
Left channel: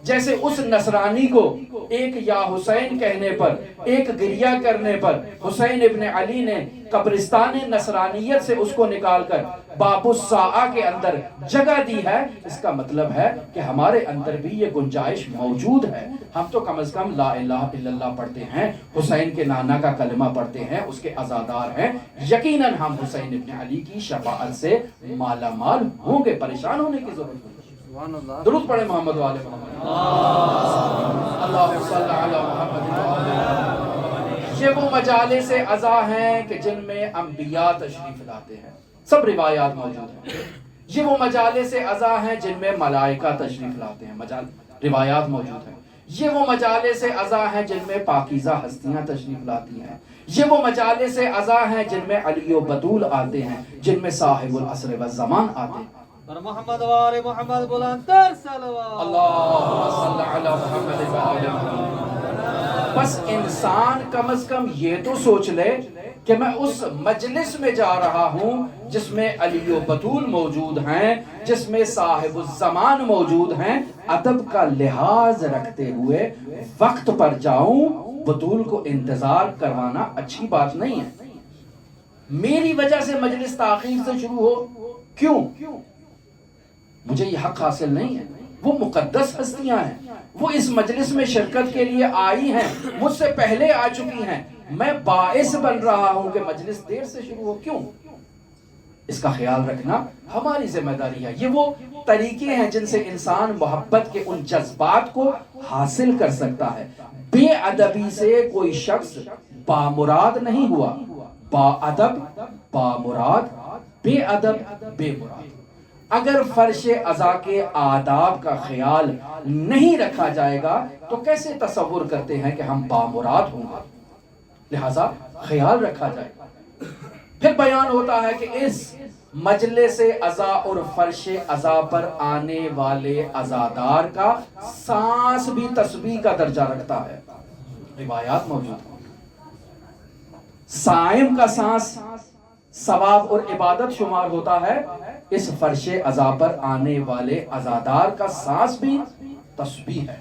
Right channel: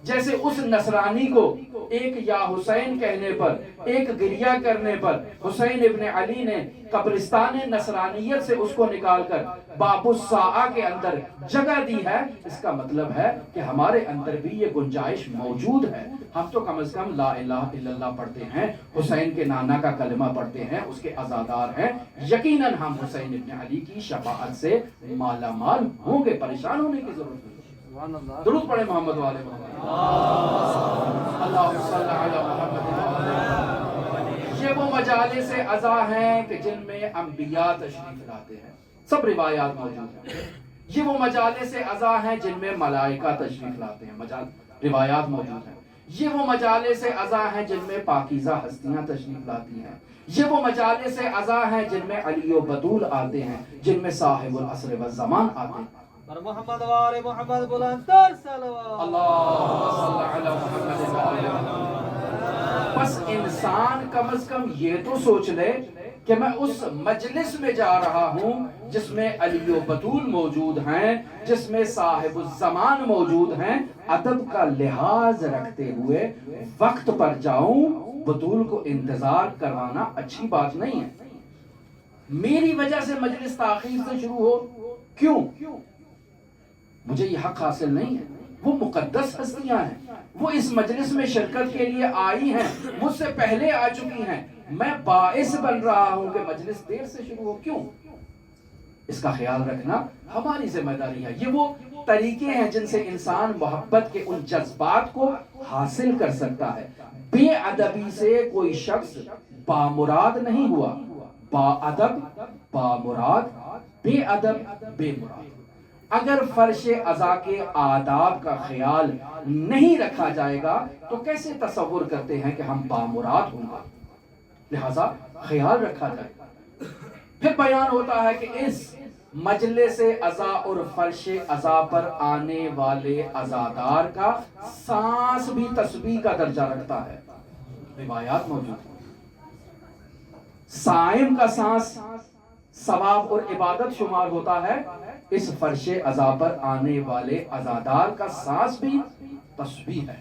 جیسے اس نصرانی کو ایک یا حسین کہنے پر، ایک گریہ کرنے پر حسین ابن علی نے قبرستان نصرانیت سے اس کو نکال کر باب الساعہ کے اندر جگہ دی ہے، اس کا مطلب ہے کہ ہمارے اندر بھی یہ گنجائش موجود ہے۔ ہم تو کم از کم لا الہ الا اللہ پڑھتے ہیں، حسین کے نانا کا کلمہ پڑھتے ہیں، اس کے عزادار ہیں، یقیناً ہم حسین ابن علی کی شفاعت سے مالا مال ہوں گے، پریشان ہونے کی ضرورت نہیں۔ درود پڑھے محمد والے محمد، اللہم صلی علی محمد۔ یہ وہ مجالس عزا ہیں کہ جن میں انبیاء تشریف لاتے ہیں، سب روایات موجود ہیں۔ یہ وہ مجالس عزا ہیں جن میں ملائکہ تشریف لاتے ہیں، روایات موجود ہیں۔ یہ وہ مجالس عزا ہیں جن میں پاکیزہ ہستیاں تشریف لاتی ہیں۔ یہ وہ مجالس عزا ہیں جن میں علی و بطول آتے ہیں، جن میں صاحب العصر والزمان آتے ہیں۔ محمد وآل محمد بلندر صلوات، اللہم صلی علی محمد وآل محمد۔ بس انسان کم از کم یہ تو سوچ لے کہ میں اس مجلس میں جا رہا ہوں جس میں علی و بطول موجود ہیں، جس میں صاحب الزمان موجود ہیں، ادب کا لحاظ رکھتے ہوئے وقت پر جاؤں۔ بطول کو انتظار کروانا اچھی بات نہیں ہے۔ میری وجہ سے مجلس تاخیر سے شروع ہو، کیوں؟ مجھے یہ حق حاصل نہیں ہے۔ وہ مقدس ہستیاں ہیں، وہ اس مجلس میں شرکت کے لیے آئی ہیں، مجھ سے پہلے آ چکی ہیں، میں باعث بن رہا ہوں کہ مجلس دیر سے شروع ہو، کیوں؟ اس کا خیال رکھنا ہماری ذمہ داری ہے۔ یہ وہ طریقے ہیں جن سے انسان محبت کے ان جذبات کو حاصل کر سکتا ہے۔ بے ادبی سے کوئی شخص بامراد نہیں ہوا، با ادب بامراد، بے ادب بے مراد۔ اگر فرش عزا کے آداب کا خیال نہیں رکھا جائے گا تو کیسے تصور کرتے ہیں کہ ہم بامراد ہوں گے؟ لہذا خیال رکھا جائے گا۔ پھر بیان ہوتا ہے کہ اس مجلس عزا اور فرش عزا پر آنے والے عزادار کا سانس بھی تسبیح کا درجہ رکھتا ہے، روایات موجود ہیں۔ صائم کا سانس ثواب اور عبادت شمار ہوتا ہے، اس فرش عزا پر آنے والے عزادار کا سانس بھی تسبیح ہے۔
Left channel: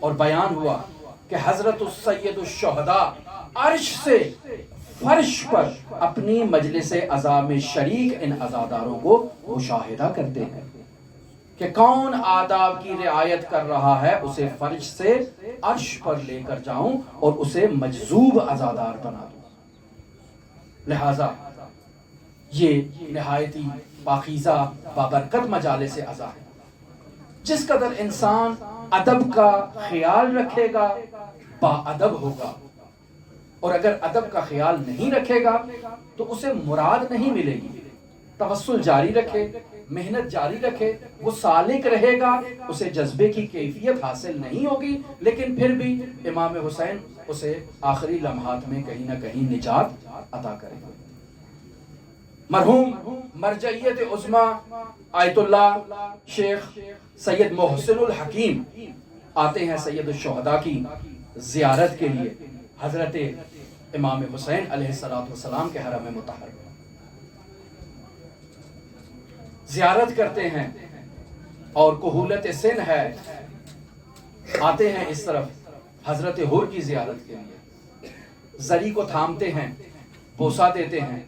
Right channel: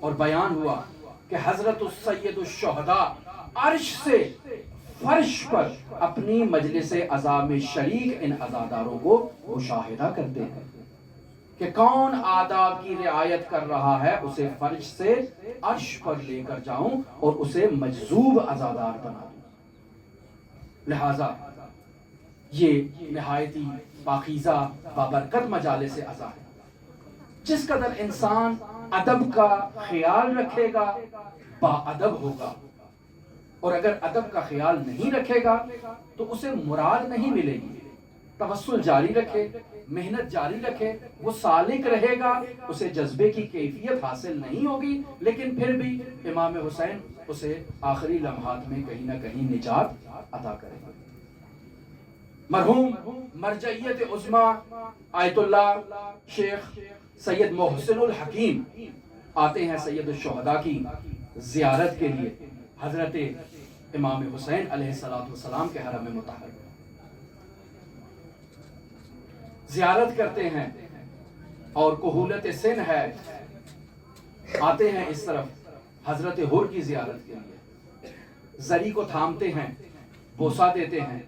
اور بیان ہوا کہ حضرت السید الشہداء عرش سے فرش پر اپنی مجلس عزا میں شریک ان عزاداروں کو مشاہدہ کرتے ہیں کہ کون آداب کی رعایت کر رہا ہے، اسے فرش سے عرش پر لے کر جاؤں اور اسے مجذوب عزادار بنا دوں۔ لہذا یہ نہایتی پاکیزہ بابرکت مجالس عزا ہے۔ جس قدر انسان ادب کا خیال رکھے گا با ادب ہوگا، اور اگر ادب کا خیال نہیں رکھے گا تو اسے مراد نہیں ملے گی۔ توسل جاری رکھے، محنت جاری رکھے، وہ سالک رہے گا، اسے جذبے کی کیفیت حاصل نہیں ہوگی، لیکن پھر بھی امام حسین اسے آخری لمحات میں کہیں نہ کہیں نجات عطا کریں گے۔ مرحوم مرجعیت عظمیٰ آیت اللہ شیخ سید محسن الحکیم آتے ہیں سید الشہداء کی زیارت کے لیے حضرت امام حسین علیہ السلام کے حرم مطہر میں زیارت کرتے ہیں، اور کہولت سن ہے، آتے ہیں اس طرف حضرت حر کی زیارت کے لیے، زری کو تھامتے ہیں، بوسہ دیتے ہیں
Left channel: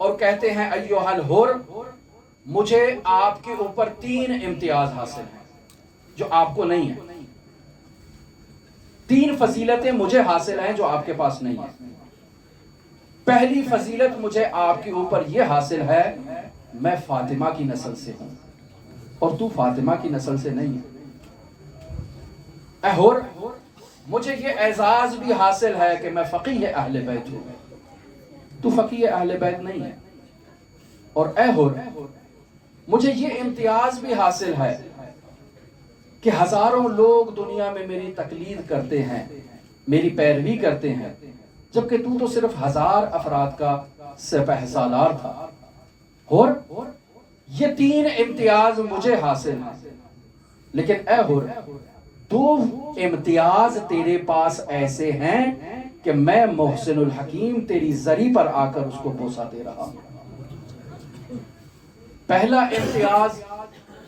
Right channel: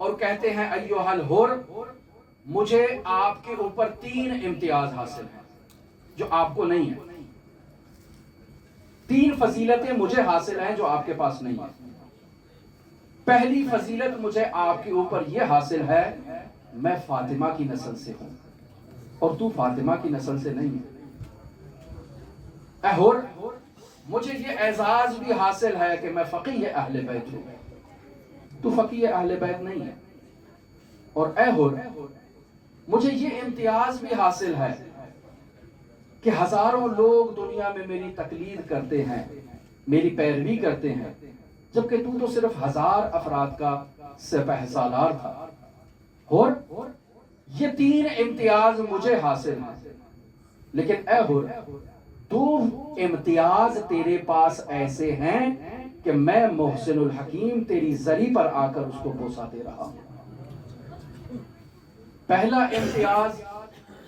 اور کہتے ہیں ایھا الحر، مجھے آپ کے اوپر 3 امتیاز حاصل ہیں جو آپ کو نہیں ہے، 3 فضیلتیں مجھے حاصل ہیں جو آپ کے پاس نہیں ہے۔ پہلی فضیلت مجھے آپ کے اوپر یہ حاصل ہے، میں فاطمہ کی نسل سے ہوں اور تو فاطمہ کی نسل سے نہیں ہے۔ اے حر، مجھے یہ اعزاز بھی حاصل ہے کہ میں فقیہ اہل بیت ہوں، تو فقیہ اہل بیت نہیں ہے۔ اور اے حر، مجھے یہ امتیاز بھی حاصل ہے کہ ہزاروں لوگ دنیا میں میری تقلید کرتے ہیں، میری پیروی کرتے ہیں، جبکہ تو صرف 1000 افراد کا سپہ سالار تھا۔ حر، یہ 3 امتیاز مجھے حاصل ہیں، لیکن اے حر، 2 امتیاز تیرے پاس ایسے ہیں کہ میں محسن الحکیم تیری زری پر آ کر اس کو بوسہ دے رہا ہوں۔ پہلا امتیاز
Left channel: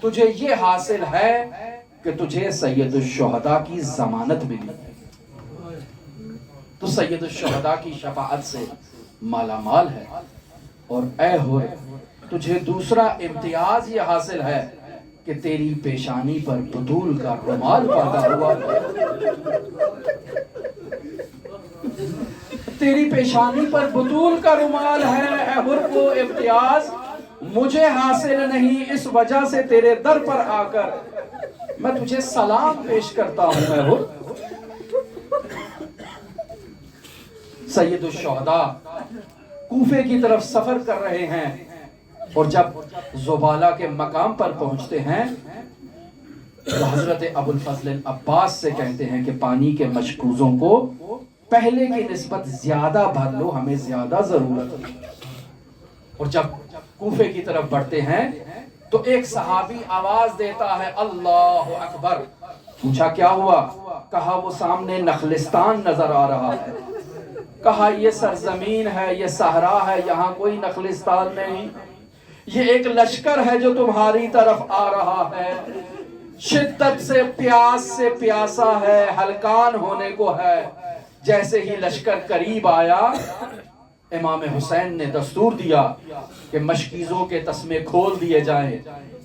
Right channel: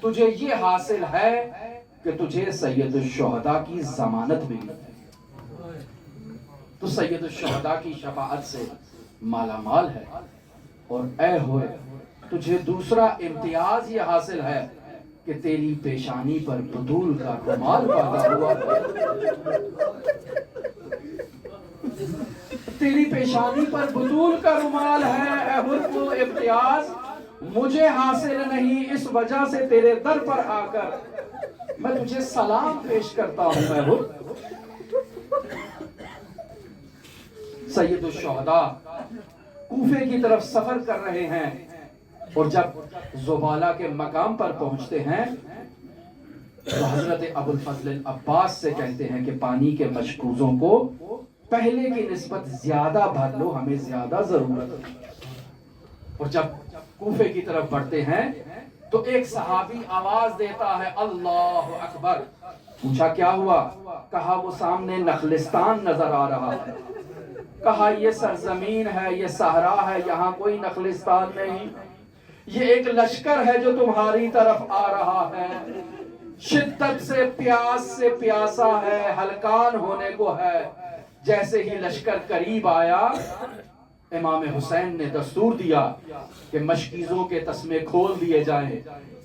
تجھے یہ حاصل ہے کہ تجھے سید الشہداء کی ضمانت ملی، تو سید الشہداء کی شفاعت سے مالا مال ہے۔ اور اے حر، تجھے دوسرا امتیاز یہ حاصل ہے کہ تیری پیشانی پر بطول کا رومال باندھا ہوا ہے، تیری پیشانی پر بطول کا رومال ہے۔ اے حر، وہ امتیاز مجھے حاصل نہیں، اس وجہ سے تیرے در پر آ کر میں تجھے سلام پیش کرتا ہوں۔ اے حر، سید الشہداء کوفے کی طرف سفر کر رہے ہیں، اور جب زبالہ کے مقام پر پہنچتے ہیں تو حضرت ابو الفضل العباس سے کہتے ہیں کہ پانی کے مشکوزوں کو پہلے کی نسبت زیادہ بھر لو، ہمیں زیادہ ضرورت ہے۔ اور جب کوفے کی طرف بڑھتے ہیں تو ایک صحابی آواز دیتا ہے اللہ اکبر۔ پوچھا کیا ہوا؟ کہا وہ سامنے نخلستان نظر آ رہا ہے۔ کہا یہ سرزمین ہے، یہ صحرا ہے، یہاں کوئی نخلستان نہیں، یہ ایک لشکر ہے جو تمہاری طرف آ رہا ہے، شدت سے پیاسا ہے، ہلکان ہونے کو ہے۔ جیسے ہی لشکر قریب آیا، امام حسین نے دستور دیا کہ مشکیزوں کے تسمے کھول دیے جائیں،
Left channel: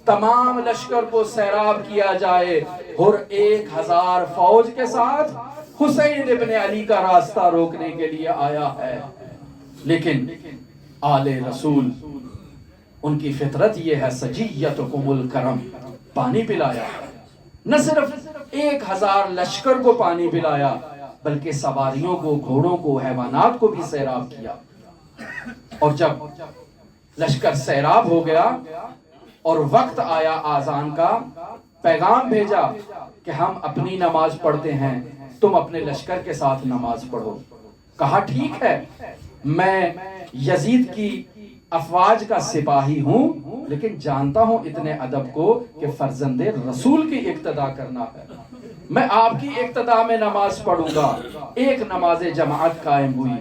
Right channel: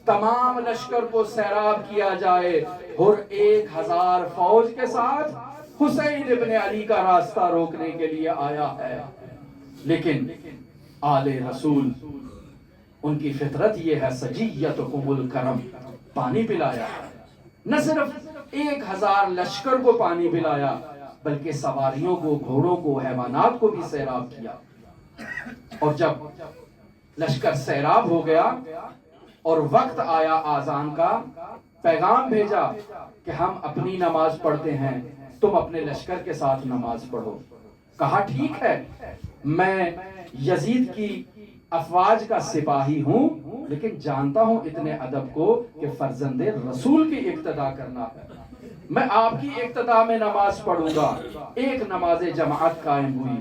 تمام لشکر کو سیراب کیا جائے۔ اور 1000 فوج کے ساتھ حسین ابن علی کا راستہ روکنے کے لیے آیا ہے۔ لیکن آل رسول، ان کی فطرت یہ ہے سجیتکم الکرم، پانی پلایا۔ نہ صرف 1000 لشکر کو پانی پلایا، بلکہ سواریوں کو، گھوڑوں کو، حیوانات کو بھی سیراب کیا۔ اور جب لشکر سیراب ہو گیا اور وقت آیا آذان کا، پیغام بھیجا کہ ہم اپنی نماز پڑھتے ہیں، تم اپنے لشکر کے ساتھ نماز پڑھو۔ کہا ٹھیک ہے، میں یزید کی افواج کا سپاہی ہوں، لیکن جانتا ہوں اتنے ادب کو کہ فرزند رسول کی اقتداء کرنا ہے، میں آپ کی اقتداء میں نماز پڑھوں گا۔ ایک نماز جماعت قائم ہوئی،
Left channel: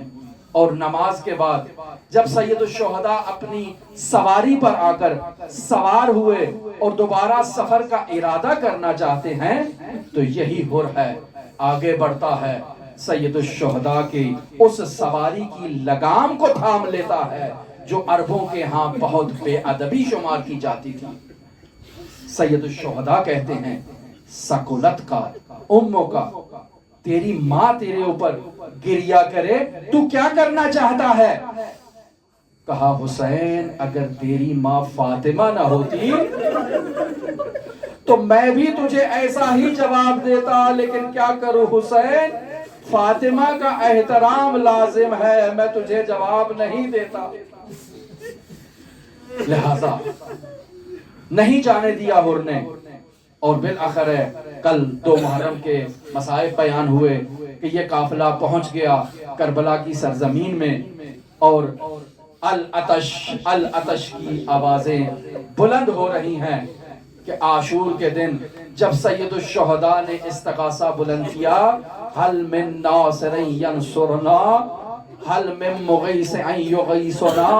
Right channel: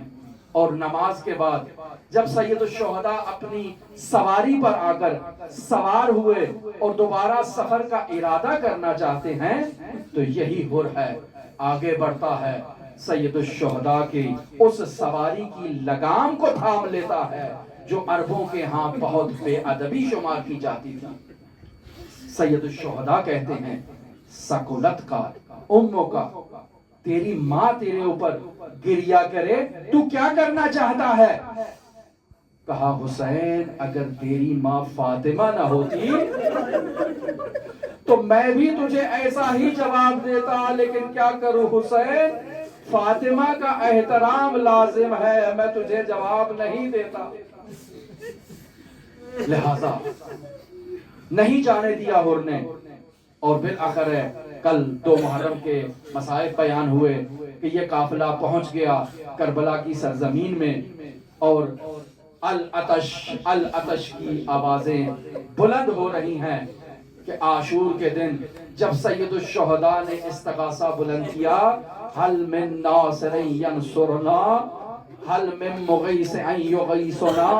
اور نماز کے بعد جب سید الشہداء اپنی سواری پر آ کر سوار ہوئے اور دوبارہ سفر کا ارادہ کرنا چاہتے ہیں تو یہی حر ہے، آگے بڑھتا ہے، سید الشہداء کی اس سواری کی لگام کو تھام لیتا ہے جو عربوں کے ہاں بہت بے ادبی شمار کی جاتی تھی۔ سید الشہداء کہتے ہیں سکولت کا، اموں کا، تیری ماں تیرے اوپر گریا کرے، تو کیا کرنا چاہتا ہے؟ کہا حسین، اگر تیری ماں فاطمہ نہ ہوتی تو میں بھی تجھے ایسا ہی جواب دیتا، لیکن کیا کروں حسین، فاطمہ کا احترام لازم ہے، میں تجھے جواب نہیں دیتا۔ لہذا نہیں جانے دیا حر نے، اور بالآخر کل 2 محرم کے مصائب بیان ہوئے کہ یہ قافلہ پہنچ گیا کربلا کی سرزمین میں، اور العطش کی آوازیں بلند ہو رہی ہیں کہ عاشور کے دن جب سید الشہداء نے استغاثہ بلند کیا، حل من ناصر ینصرنا، حل من مغیث یغیثنا،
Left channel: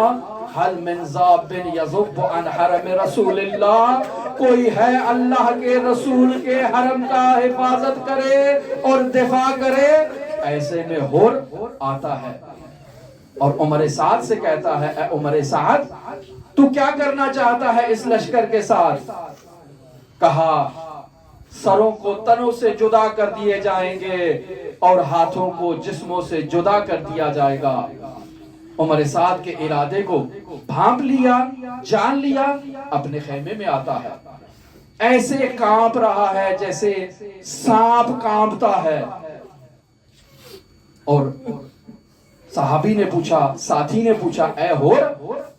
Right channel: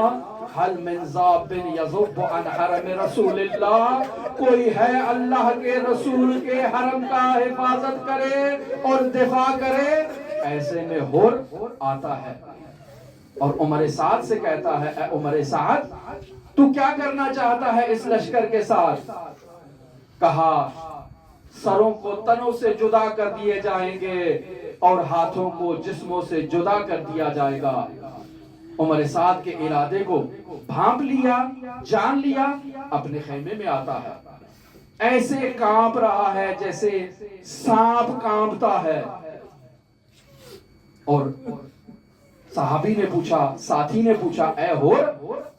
حل من ذاب یذب عن حرم رسول اللہ، کوئی ہے اللہ کے رسول کے حرم کا حفاظت کرے اور دفاع کرے؟ ایسے میں ہور آتا ہے اور عمر سعد سے کہتا ہے، اے عمر سعد تو کیا کرنا چاہتا ہے اس لشکر کے ساتھ؟ کہا سروں کو تنوں سے جدا کر دیے جائیں گے اور ہاتھوں کو جسموں سے جدا کر دیا جائے گا۔ عمر سعد کے ارادے کو بھانپ لیا، جان لیا، اپنے خیمے میں آتا ہے، ایسے کانپ رہا ہے جیسے سانپ کانپتا ہے۔ اور صحابی نے پوچھا، ساتھی نے پوچھا، اے ہور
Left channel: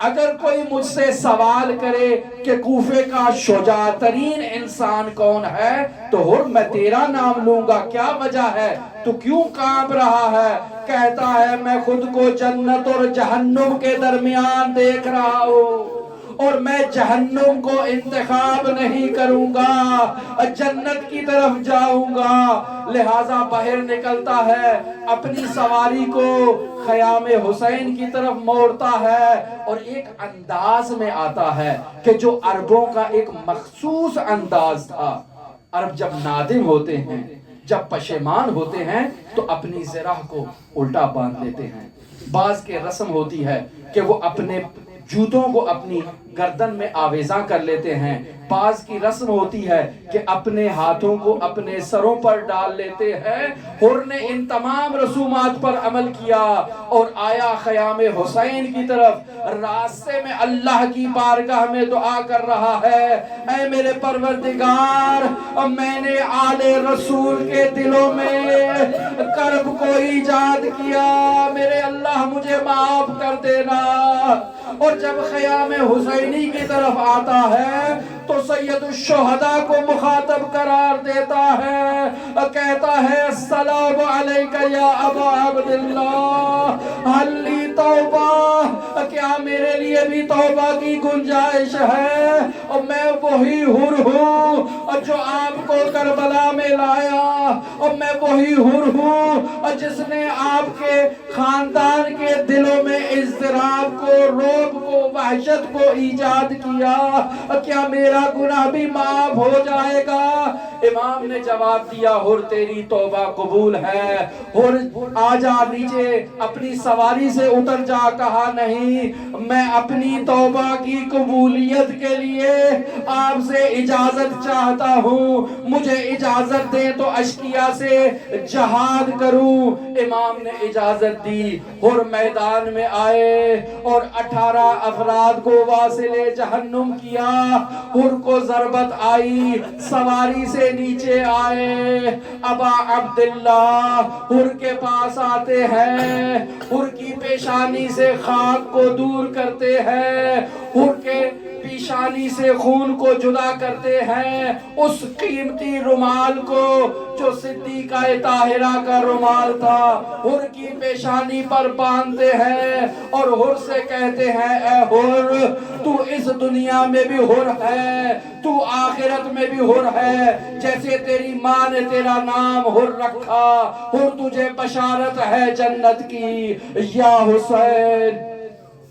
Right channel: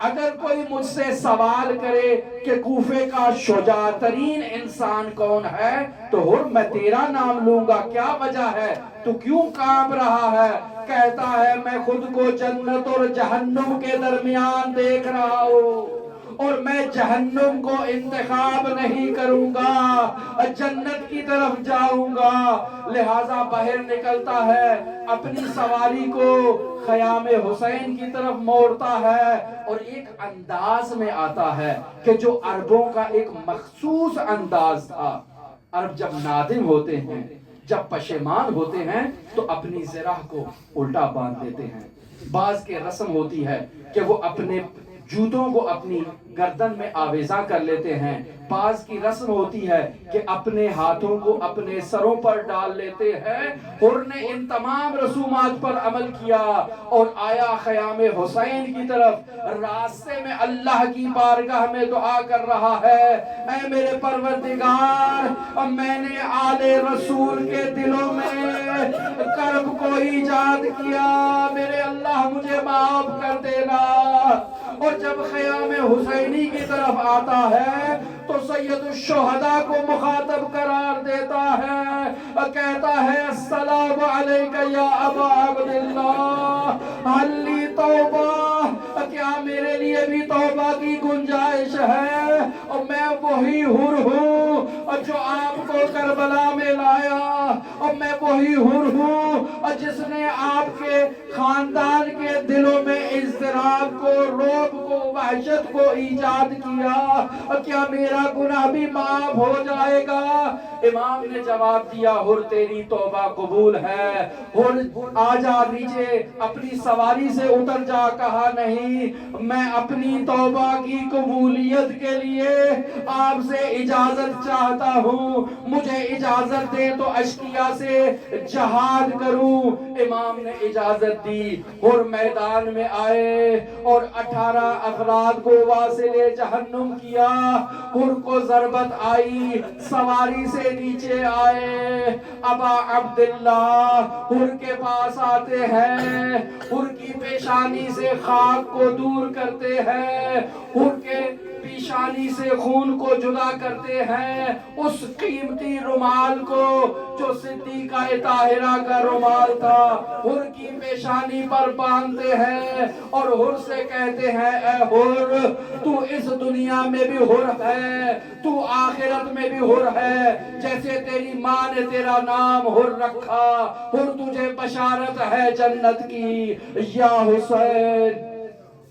اگر کوئی مجھ سے سوال کرے کہ کوفے کا شجاع ترین انسان کون ہے تو ہور میں تیرا نام لوں گا، کیا وجہ ہے، تو کیوں کانپ رہا ہے؟ کہتا ہے میں خود کو جنت اور جہنم کے درمیان دیکھ رہا ہوں اور میں جہنم کو انتخاب نہیں کروں گا، جنت کی طرف جاؤں گا، لہٰذا باہر نکلتا ہے، اپنی سواری کو خیام حسین کی طرف موڑتا ہے اور ایک انداز میں آتا ہے کہ جو عربوں کا ایک مخصوص انداز تھا۔ عرب جب نادم ہوتے ہیں، جب پشیمان ہوتے ہیں تو اپنی زرہ کو الٹا باندھ لیتے ہیں۔ بعض کے رسم ہوتی ہے کہ وہ اپنے جوتوں کو اپنی گردن میں آویزاں کر لیتے ہیں، بعض کی رسم ہوتی ہے کہ اپنے ہاتھوں کو اپنے سروں پر ڈال لیتے ہیں۔ حر نے ان تمام رسومات پر عمل کیا اور آیا خیام حسین کی طرف، راستے میں اللہ کی بارگاہ میں دعا کر رہا ہے، اے میرے پروردگار میں نے آل رسول کے دلوں میں کرب کو ایجاد کیا، میرے اللہ مجھے معاف کر دینا۔ اور جب خیام حسینی کی طرف آتا ہے تو سید الشہداء کو مخاطب قرار دیتا ہے، کہتا ہے السلام علیکہ یا ابا عبداللہ حل لی توبہ، کیا میرے لیے بھی توبہ کی گنجائش ہے؟ اور میں وہی حر ہوں جو آپ کو کربلا میں لایا، اور میں وہی حر ہوں جس نے آپ کے خاندان کے دلوں میں اضطراب کو، رعب کو، وحشت کو ایجاد کیا، کیا میرا گناہ بھی معاف ہو جائے گا؟ امام نے جواب دیا، حر تیری توبہ قبول ہے، حر آ جا نیچے، اپنی سواری سے اتر جا۔ کہا نہیں، میں اپنی توبہ کی قبولیت کے لیے آپ سے اجازت چاہتا ہوں، مجھے اجازت دے تو اشکیا سے جہاد کروں۔ امام نے اجازت دی، حر میدان میں آئے اور 18 افراد کو واصل جہنم کیا۔ حر کو ضربت آئی، سواری سے نیچے آئے، ابا عبداللہ حر کے پاس آتے ہیں، حر کی پیشانی سے خاک کو دور کرتے ہیں، حر کے پیشانی سے خون کو جدا کرتے ہیں، اس قیمتی رومال کو جو صدیقہ طاہرہ کا رومال تھا حر کی پیشانی پر باندھتے ہیں اور حر سے کہتے ہیں، اے حر تو اس دنیا میں بھی حر ہے، تو آخرت میں بھی حر ہے، جیسے تیری ماں نے تیرا نام حر رکھا، حر تجھے بشارت ہے جنت کی۔ یا حسین